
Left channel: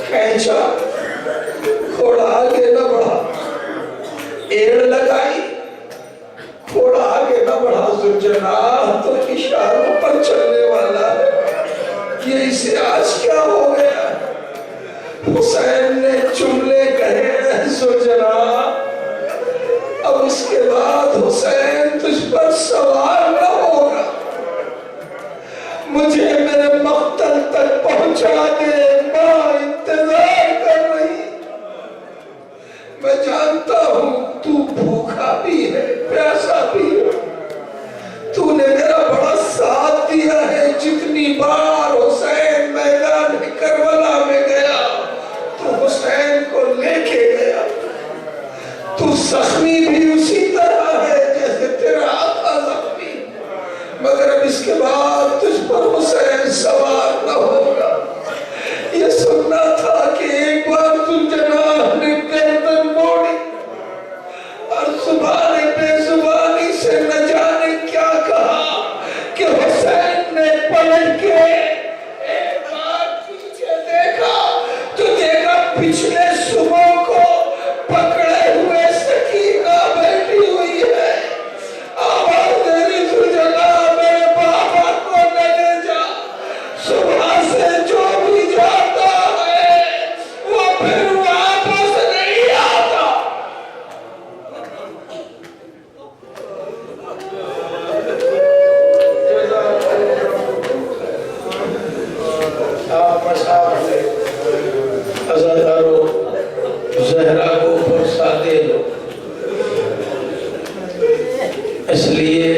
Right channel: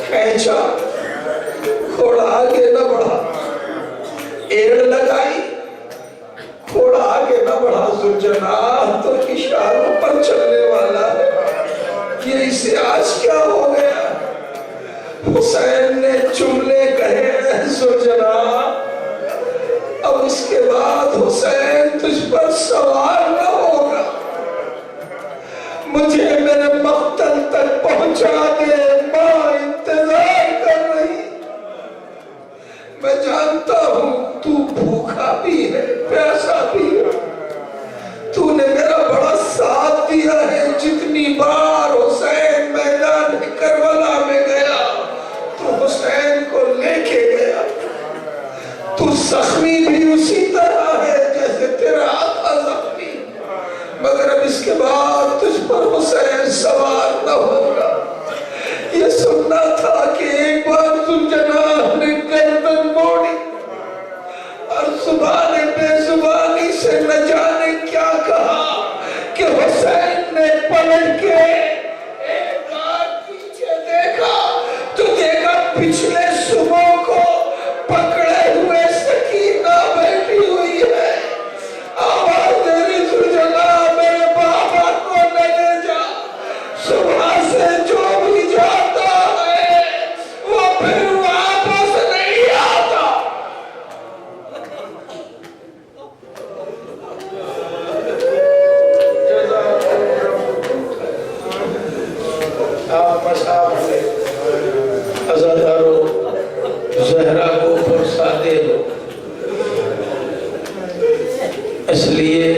کھینچا، گھوڑا آگے نہ بڑھا، ایڑ لگائی، گھوڑا آگے نہ بڑھا۔ ذوالجناح تو اشاروں پر چلنے والا ہے، یہ اسے آج کیا ہو گیا؟ حسین نے جملے کہے، ذوالجناح اب اس کے بعد حسین تجھ پر سوار نہ ہوگا، مجھے میرے مقتل تک پہنچا دے، ماں انتظار کر رہی۔ میں جانتا ہوں تو بھوکا بھی ہے، پیاسا بھی ہے، تو نے میرا بڑا ساتھ دیا ہے۔ جتنی بار حسین میدان کربلا میں گیا تو حسین کو لے کے گیا۔ تو زخمی بھی اسی طرح ہے جیسے تیرا آقا زخمی، مگر اب اس کے بعد تجھ پر حسین سوار نہ ہوگا۔ یہ سننا تھا کہ ایک بار ذوالجناح نے گردن موڑی اور زبان بے زبانی سے نہ جانے کیا کہا کہ حسین نے پلٹ کے ایک بار پیچھے دیکھا تو دیکھا پچھلے صبح کو پکڑے ہوئے سکینہ بیٹھی ہوئی ہے۔ آواز دے رہی ذوالجلال میرے بابا کو نہ لے جا، صبح سے جو بھی جاتا ہے وہ پھر واپس نہیں آتا۔ آپ مساف سے عزادارو زہرا کو فرصہ دے دو، اس لیے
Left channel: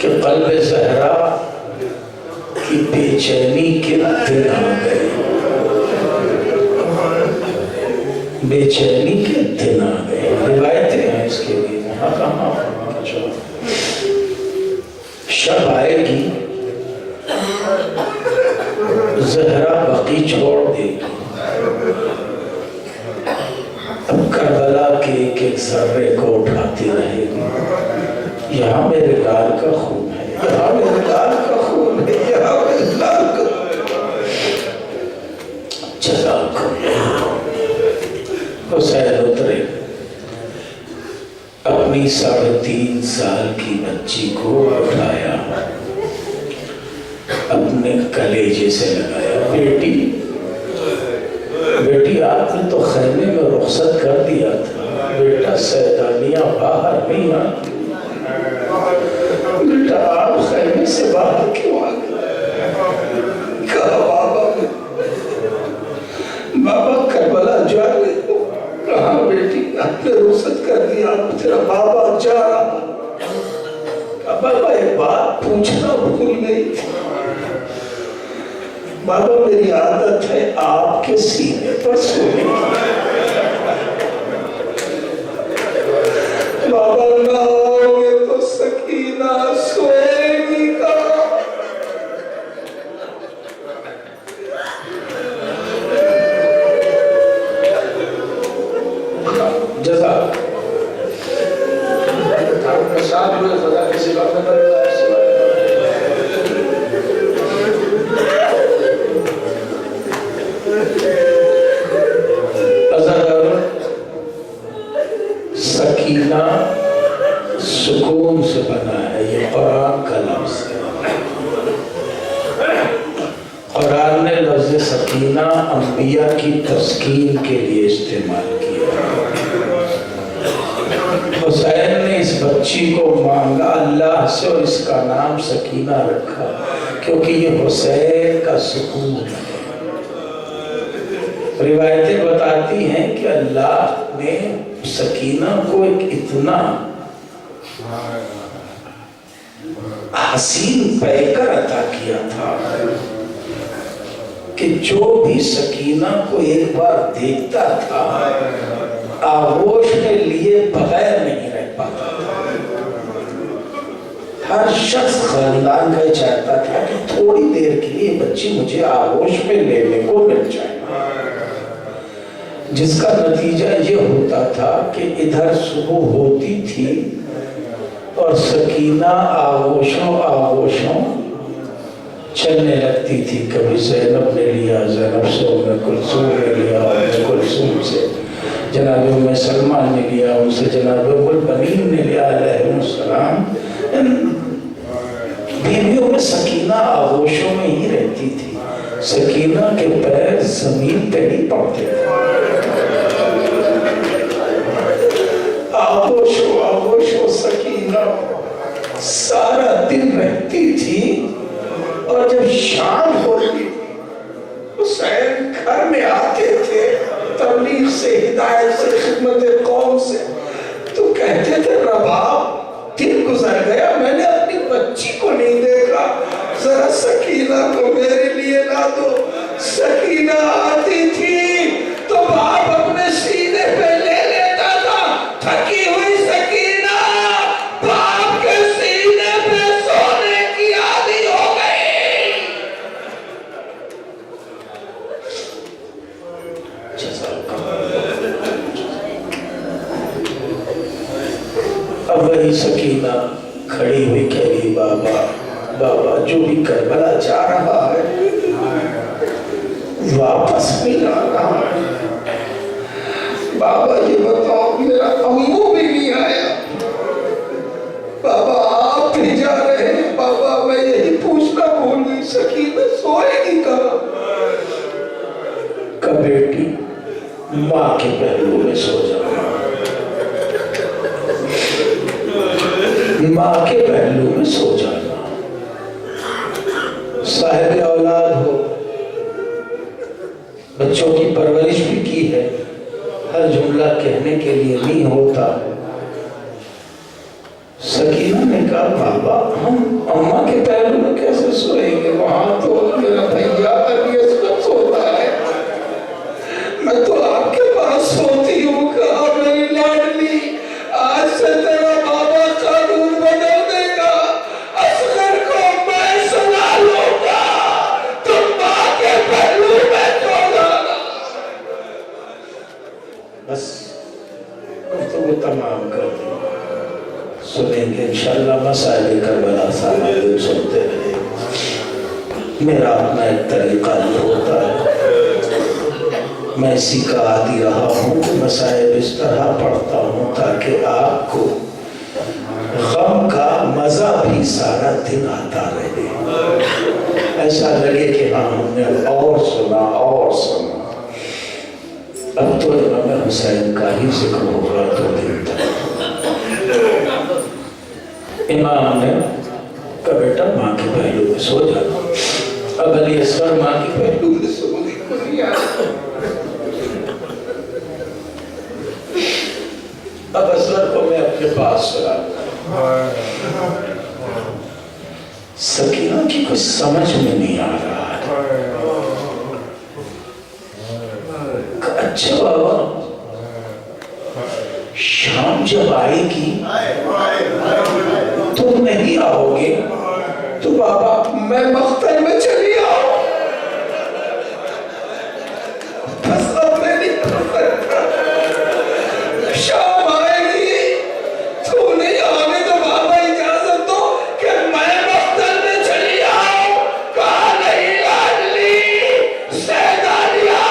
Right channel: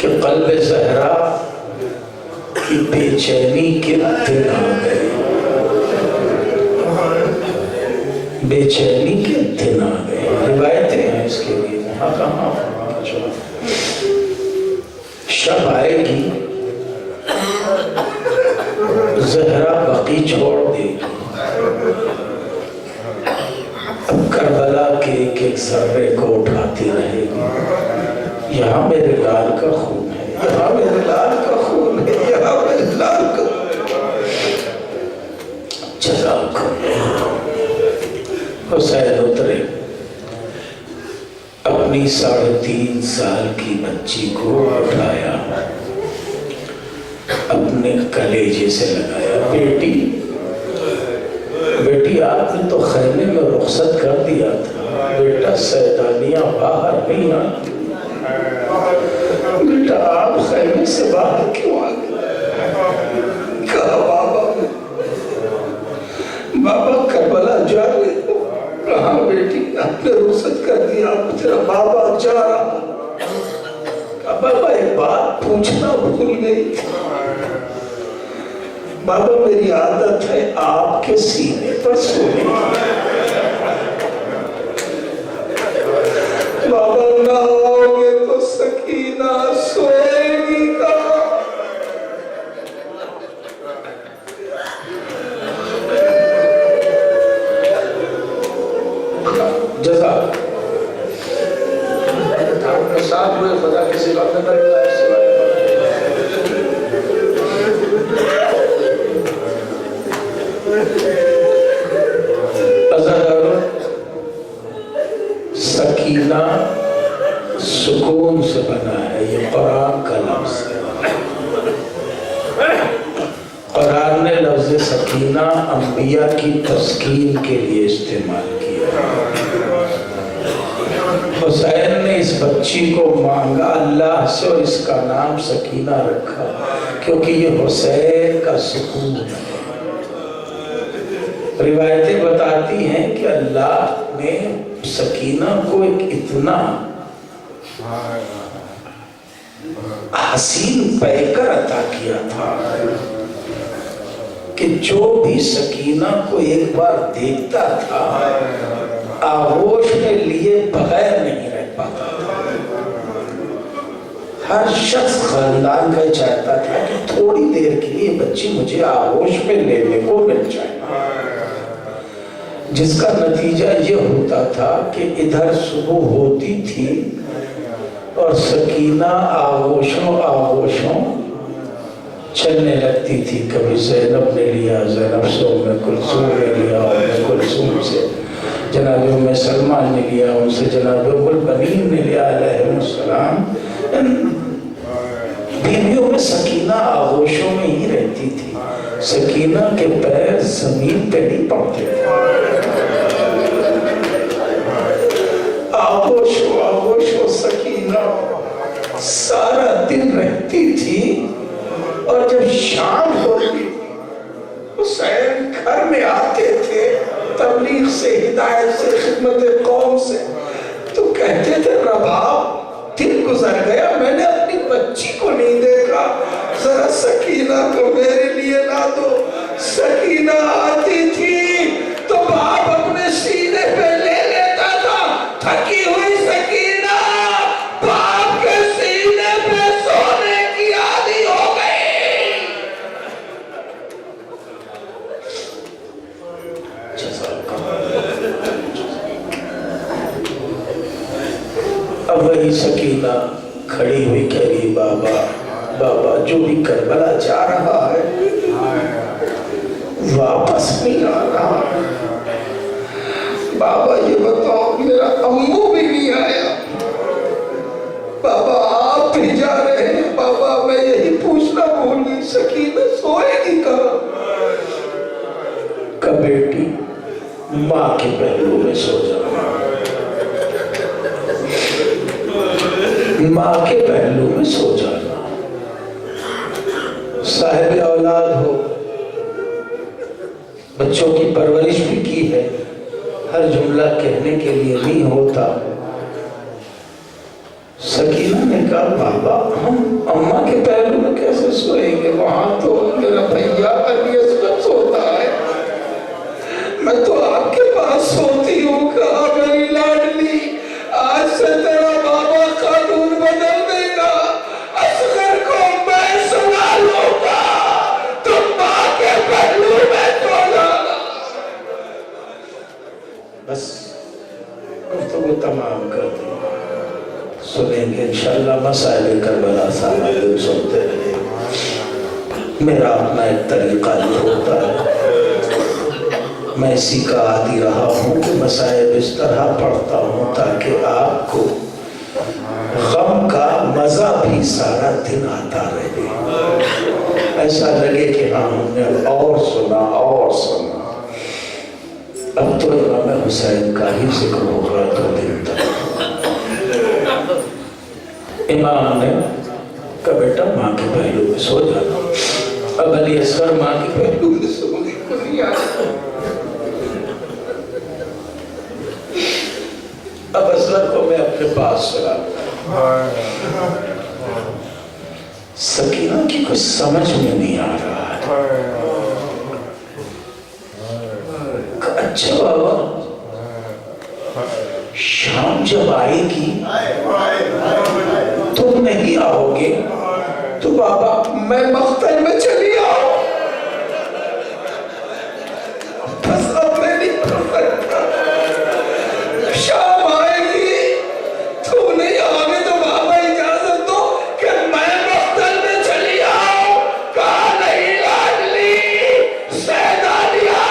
کہ قلب زہرا کی بے چینی کے دن آ گئے، بے چینی کے دن آ گئے۔ روایتیں ہیں اس کے لیے۔ یہاں کہاں شب آئے گی زہرا بقی چھوڑ دے گی، اب کربلا کے ایک ایک ذرے کو اٹھاتی رہے گی، یہاں میرے لال کا خون ہے، یہاں میرے لال کا خون ہے، یہاں میرے لال کا چلا حسین اترے، اپنی 3.5 سال کی بچی کو اٹھایا، اپنے کلیجے سے لگایا، بیٹی آپ نے تو خیمے میں رخصت کر دیا تھا، بیٹا سیدانیاں باہر نہیں آتی، بیٹا آپ خیمے سے باہر کیوں آ گئے؟ کہا بابا کربلا جا رہے ہو؟ کہاں بیٹی آپ نے رخصت کر دیا، تیرا بابا جا رہا۔ کہا بابا ایک بات پوچھنا بھول گئی، بابا میری عادت ہے آپ کے سینے پر سونے، بابا نہ آؤ گے تو سکینہ سوئے گی کہاں؟ جزاک ساتھ میں خدا کسی بات میں کرے گا سکینہ سکون سے بنا ہے، یہ قرآن کا لفظ ہے۔ قرآن نے لفظ سکینہ انبیاء کی تسکین کے لیے استعمال کیا۔ حسین نے اس بچی کو مانگا اللہ سے اور اس کا نام سکینہ رکھا کیونکہ یہ حسین کا سکون ہے۔ روایتیں بتاتی ہیں کہ اللہ نے سکینہ کو ایک اتنا حسین پیکر عطا کیا تھا کہ جو بھی سکینہ کو ایک بار دیکھتا تھا آغوش میں لیے بغیر نہیں رہ پاتا تھا۔ ہر شخص خاندان کا چاہتا تھا کہ تھوڑی دیر کے لیے بچی مجھے آغوش میں لینے کو مل جائے، جس کا نتیجہ یہ ہوتا تھا کہ ادھر صبح ہوتی تھی اور سکینہ آغوشوں چلنے لگتی تھی، کبھی زینب نے لیا، زینب سے ام کلثوم نے لیا، ام کلثوم سے جناب ام سلمہ نے لیا، ان سے جناب ام البنین نے لیا علیہ السلام۔ بیویوں میں سکینہ آغوشوں میں ہی رہتی تھی، سکینہ کے پیر زمین پہ نہیں پڑتے تھے، آغوشوں سکینہ سارا دن رہتی تھی۔ اور جب شام ہوتی حسین گھر میں آتے تھے تبلیغ سے، ہدایت سے، خدمت قوم سے، تو کہتے تھے رباب دن گزر گیا میں نے اپنی بچی کو نہیں دیکھا، ذرا سکینہ کو میرے لیے لا دو۔ سکینہ آتی تھی تو باپ اپنے سینے پہ لے لیتا تھا، تھکی ہوئی سکینہ باپ کے سینے پہ سونے کی عادی ہو گئی۔ اب وہی سکینہ کھڑی ہوئی کہہ رہی بابا جو بھی کربلا جا رہا ہے واپس نہیں آ رہا ہے، بابا یہ بتاؤ میرا امو بھی نہیں آیا، بابا آپ بھی جا رہے ہیں، بابا میں یہی پوچھنا بھول گئی سکینہ سوئے گی کہاں؟ کہ بیٹی ماں کے پہلو میں سو جانا، ماں کے پہلو میں سو جانا۔ صاحب اولاد ہو، بچوں کی پرورش بھی کی ہے، ہر جملہ کہنے کے لیے نہیں ہوتا۔ سکینہ نے کہا بابا ہم اماں کے پہلو میں کیسے سوئیں گے، وہاں تو میرا بھیا علی اصغر سوتا ہے، میں تو آپ کے پاس سوتی ہوں۔ کہا میری لاڈلی آج سے تیرا سنیں گے انشاءاللہ مسائل کربلا سارا دن سنتے رہے. میرا اپنا ایک طریقہ نہیں ہوتا ہے. میں اسی کا عادی رہا ہوں کہ مسائل اس طرح پڑھتا ہوں تاکہ آپ کو غم کا مزہ بھی سارا دن آتا رہے. ایسا لگے کہ ہاں ہم نے اور سنا. اب تو امام حسین کا ہی ذکر ہو رہا تو دن تک. امام نے کہا بیٹا ماں کے پہلو میں سو جانا. اب علی اصغر ماں کے پہلو میں سونے کو نہیں آتا. اب اصغر کو میں اپنے پاس سلا. سکینہ کی کچھ سمجھ میں نہیں آ رہا ہے. اچھا بابا شام جب آئے گی تم نہیں آؤ گے تو بابا میں مقتل میں چلی آؤ. بس اب میں نہیں کر سکتا. شام آئے گی تو نہیں آگے تو بابا اجازت دو کہ میں مقتل میں چلی آؤں. کہا نہیں لاڈلی سیدانیہ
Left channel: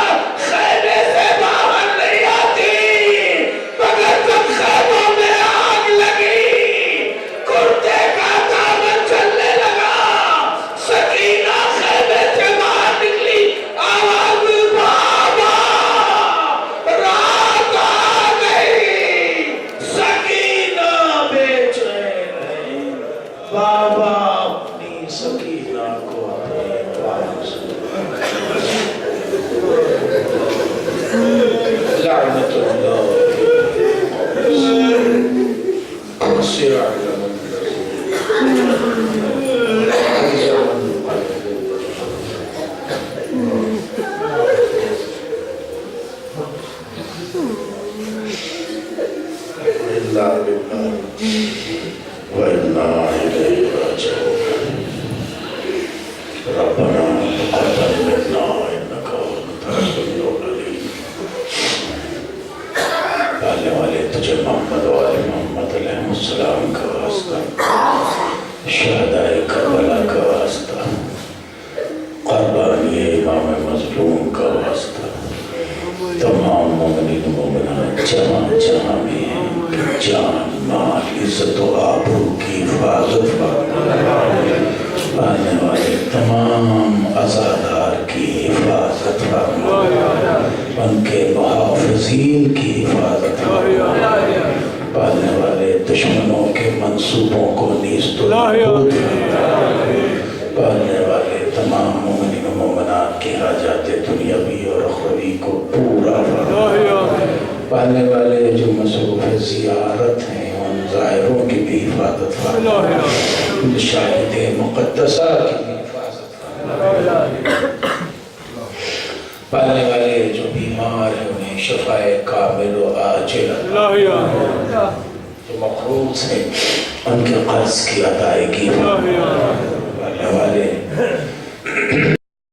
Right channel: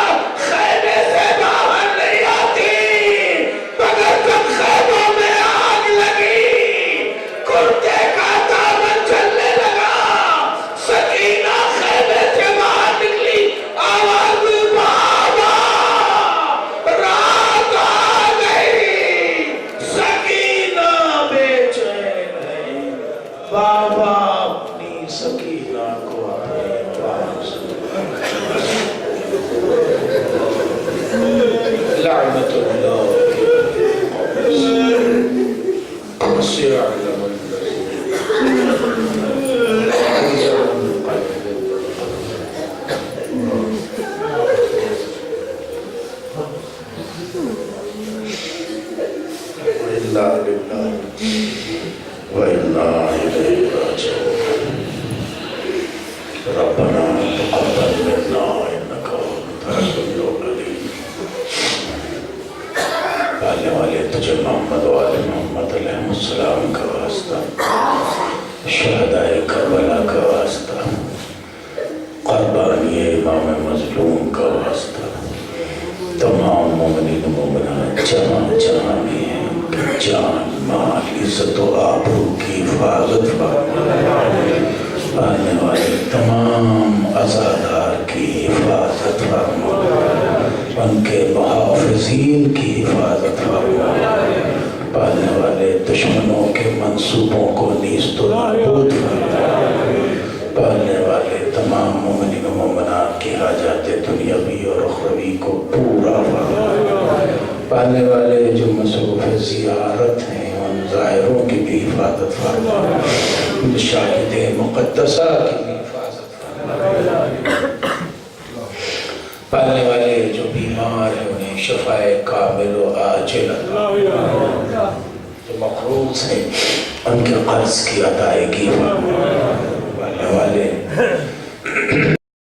خیمے سے باہر نہیں آتی مگر جب خیموں میں آگ لگی کرتے کا دامن چلنے لگا سکینہ خیمے سے باہر نکلی. آواز بابا رات آ گئی. سکینہ بے چین ہے. بابا اپنی سکینہ کو اپنے پاس لعنت اللہ ربنا تقبل منا انك انت السميع العليم. پہلے والے تجھے محمد و آل محمد علیہ السلام کا واسطہ, شہدائے کربلا کا واسطہ, قربانی امام مظلوم کا واسطہ, تمام مومنین مومنات جہاں میں ہیں جان مال عزت و آبرو کی حفاظت فرما. آنے والے تمام عزادار کی حفاظت فرما. ان کے محافظین کی حفاظت فرما. پالنے والے دشمنوں کے منصوبوں کو نیست و نابود فرما. پالنے والے تمام مومنین و مومنات کی حاجات دنیاوی اور اخروی کو پورا فرما. پالنے والے جو مصروف زیارت ہیں ان ظاہروں کی بھی حفاظت فرما. شاہد مقدسہ کی بھی حفاظت فرما. پالنے والے جو بیمار ہیں انہیں شفاء کامل و عاجل جو مقروض ہیں ان کے قرض کی ادائیگی فرما. پالنے والے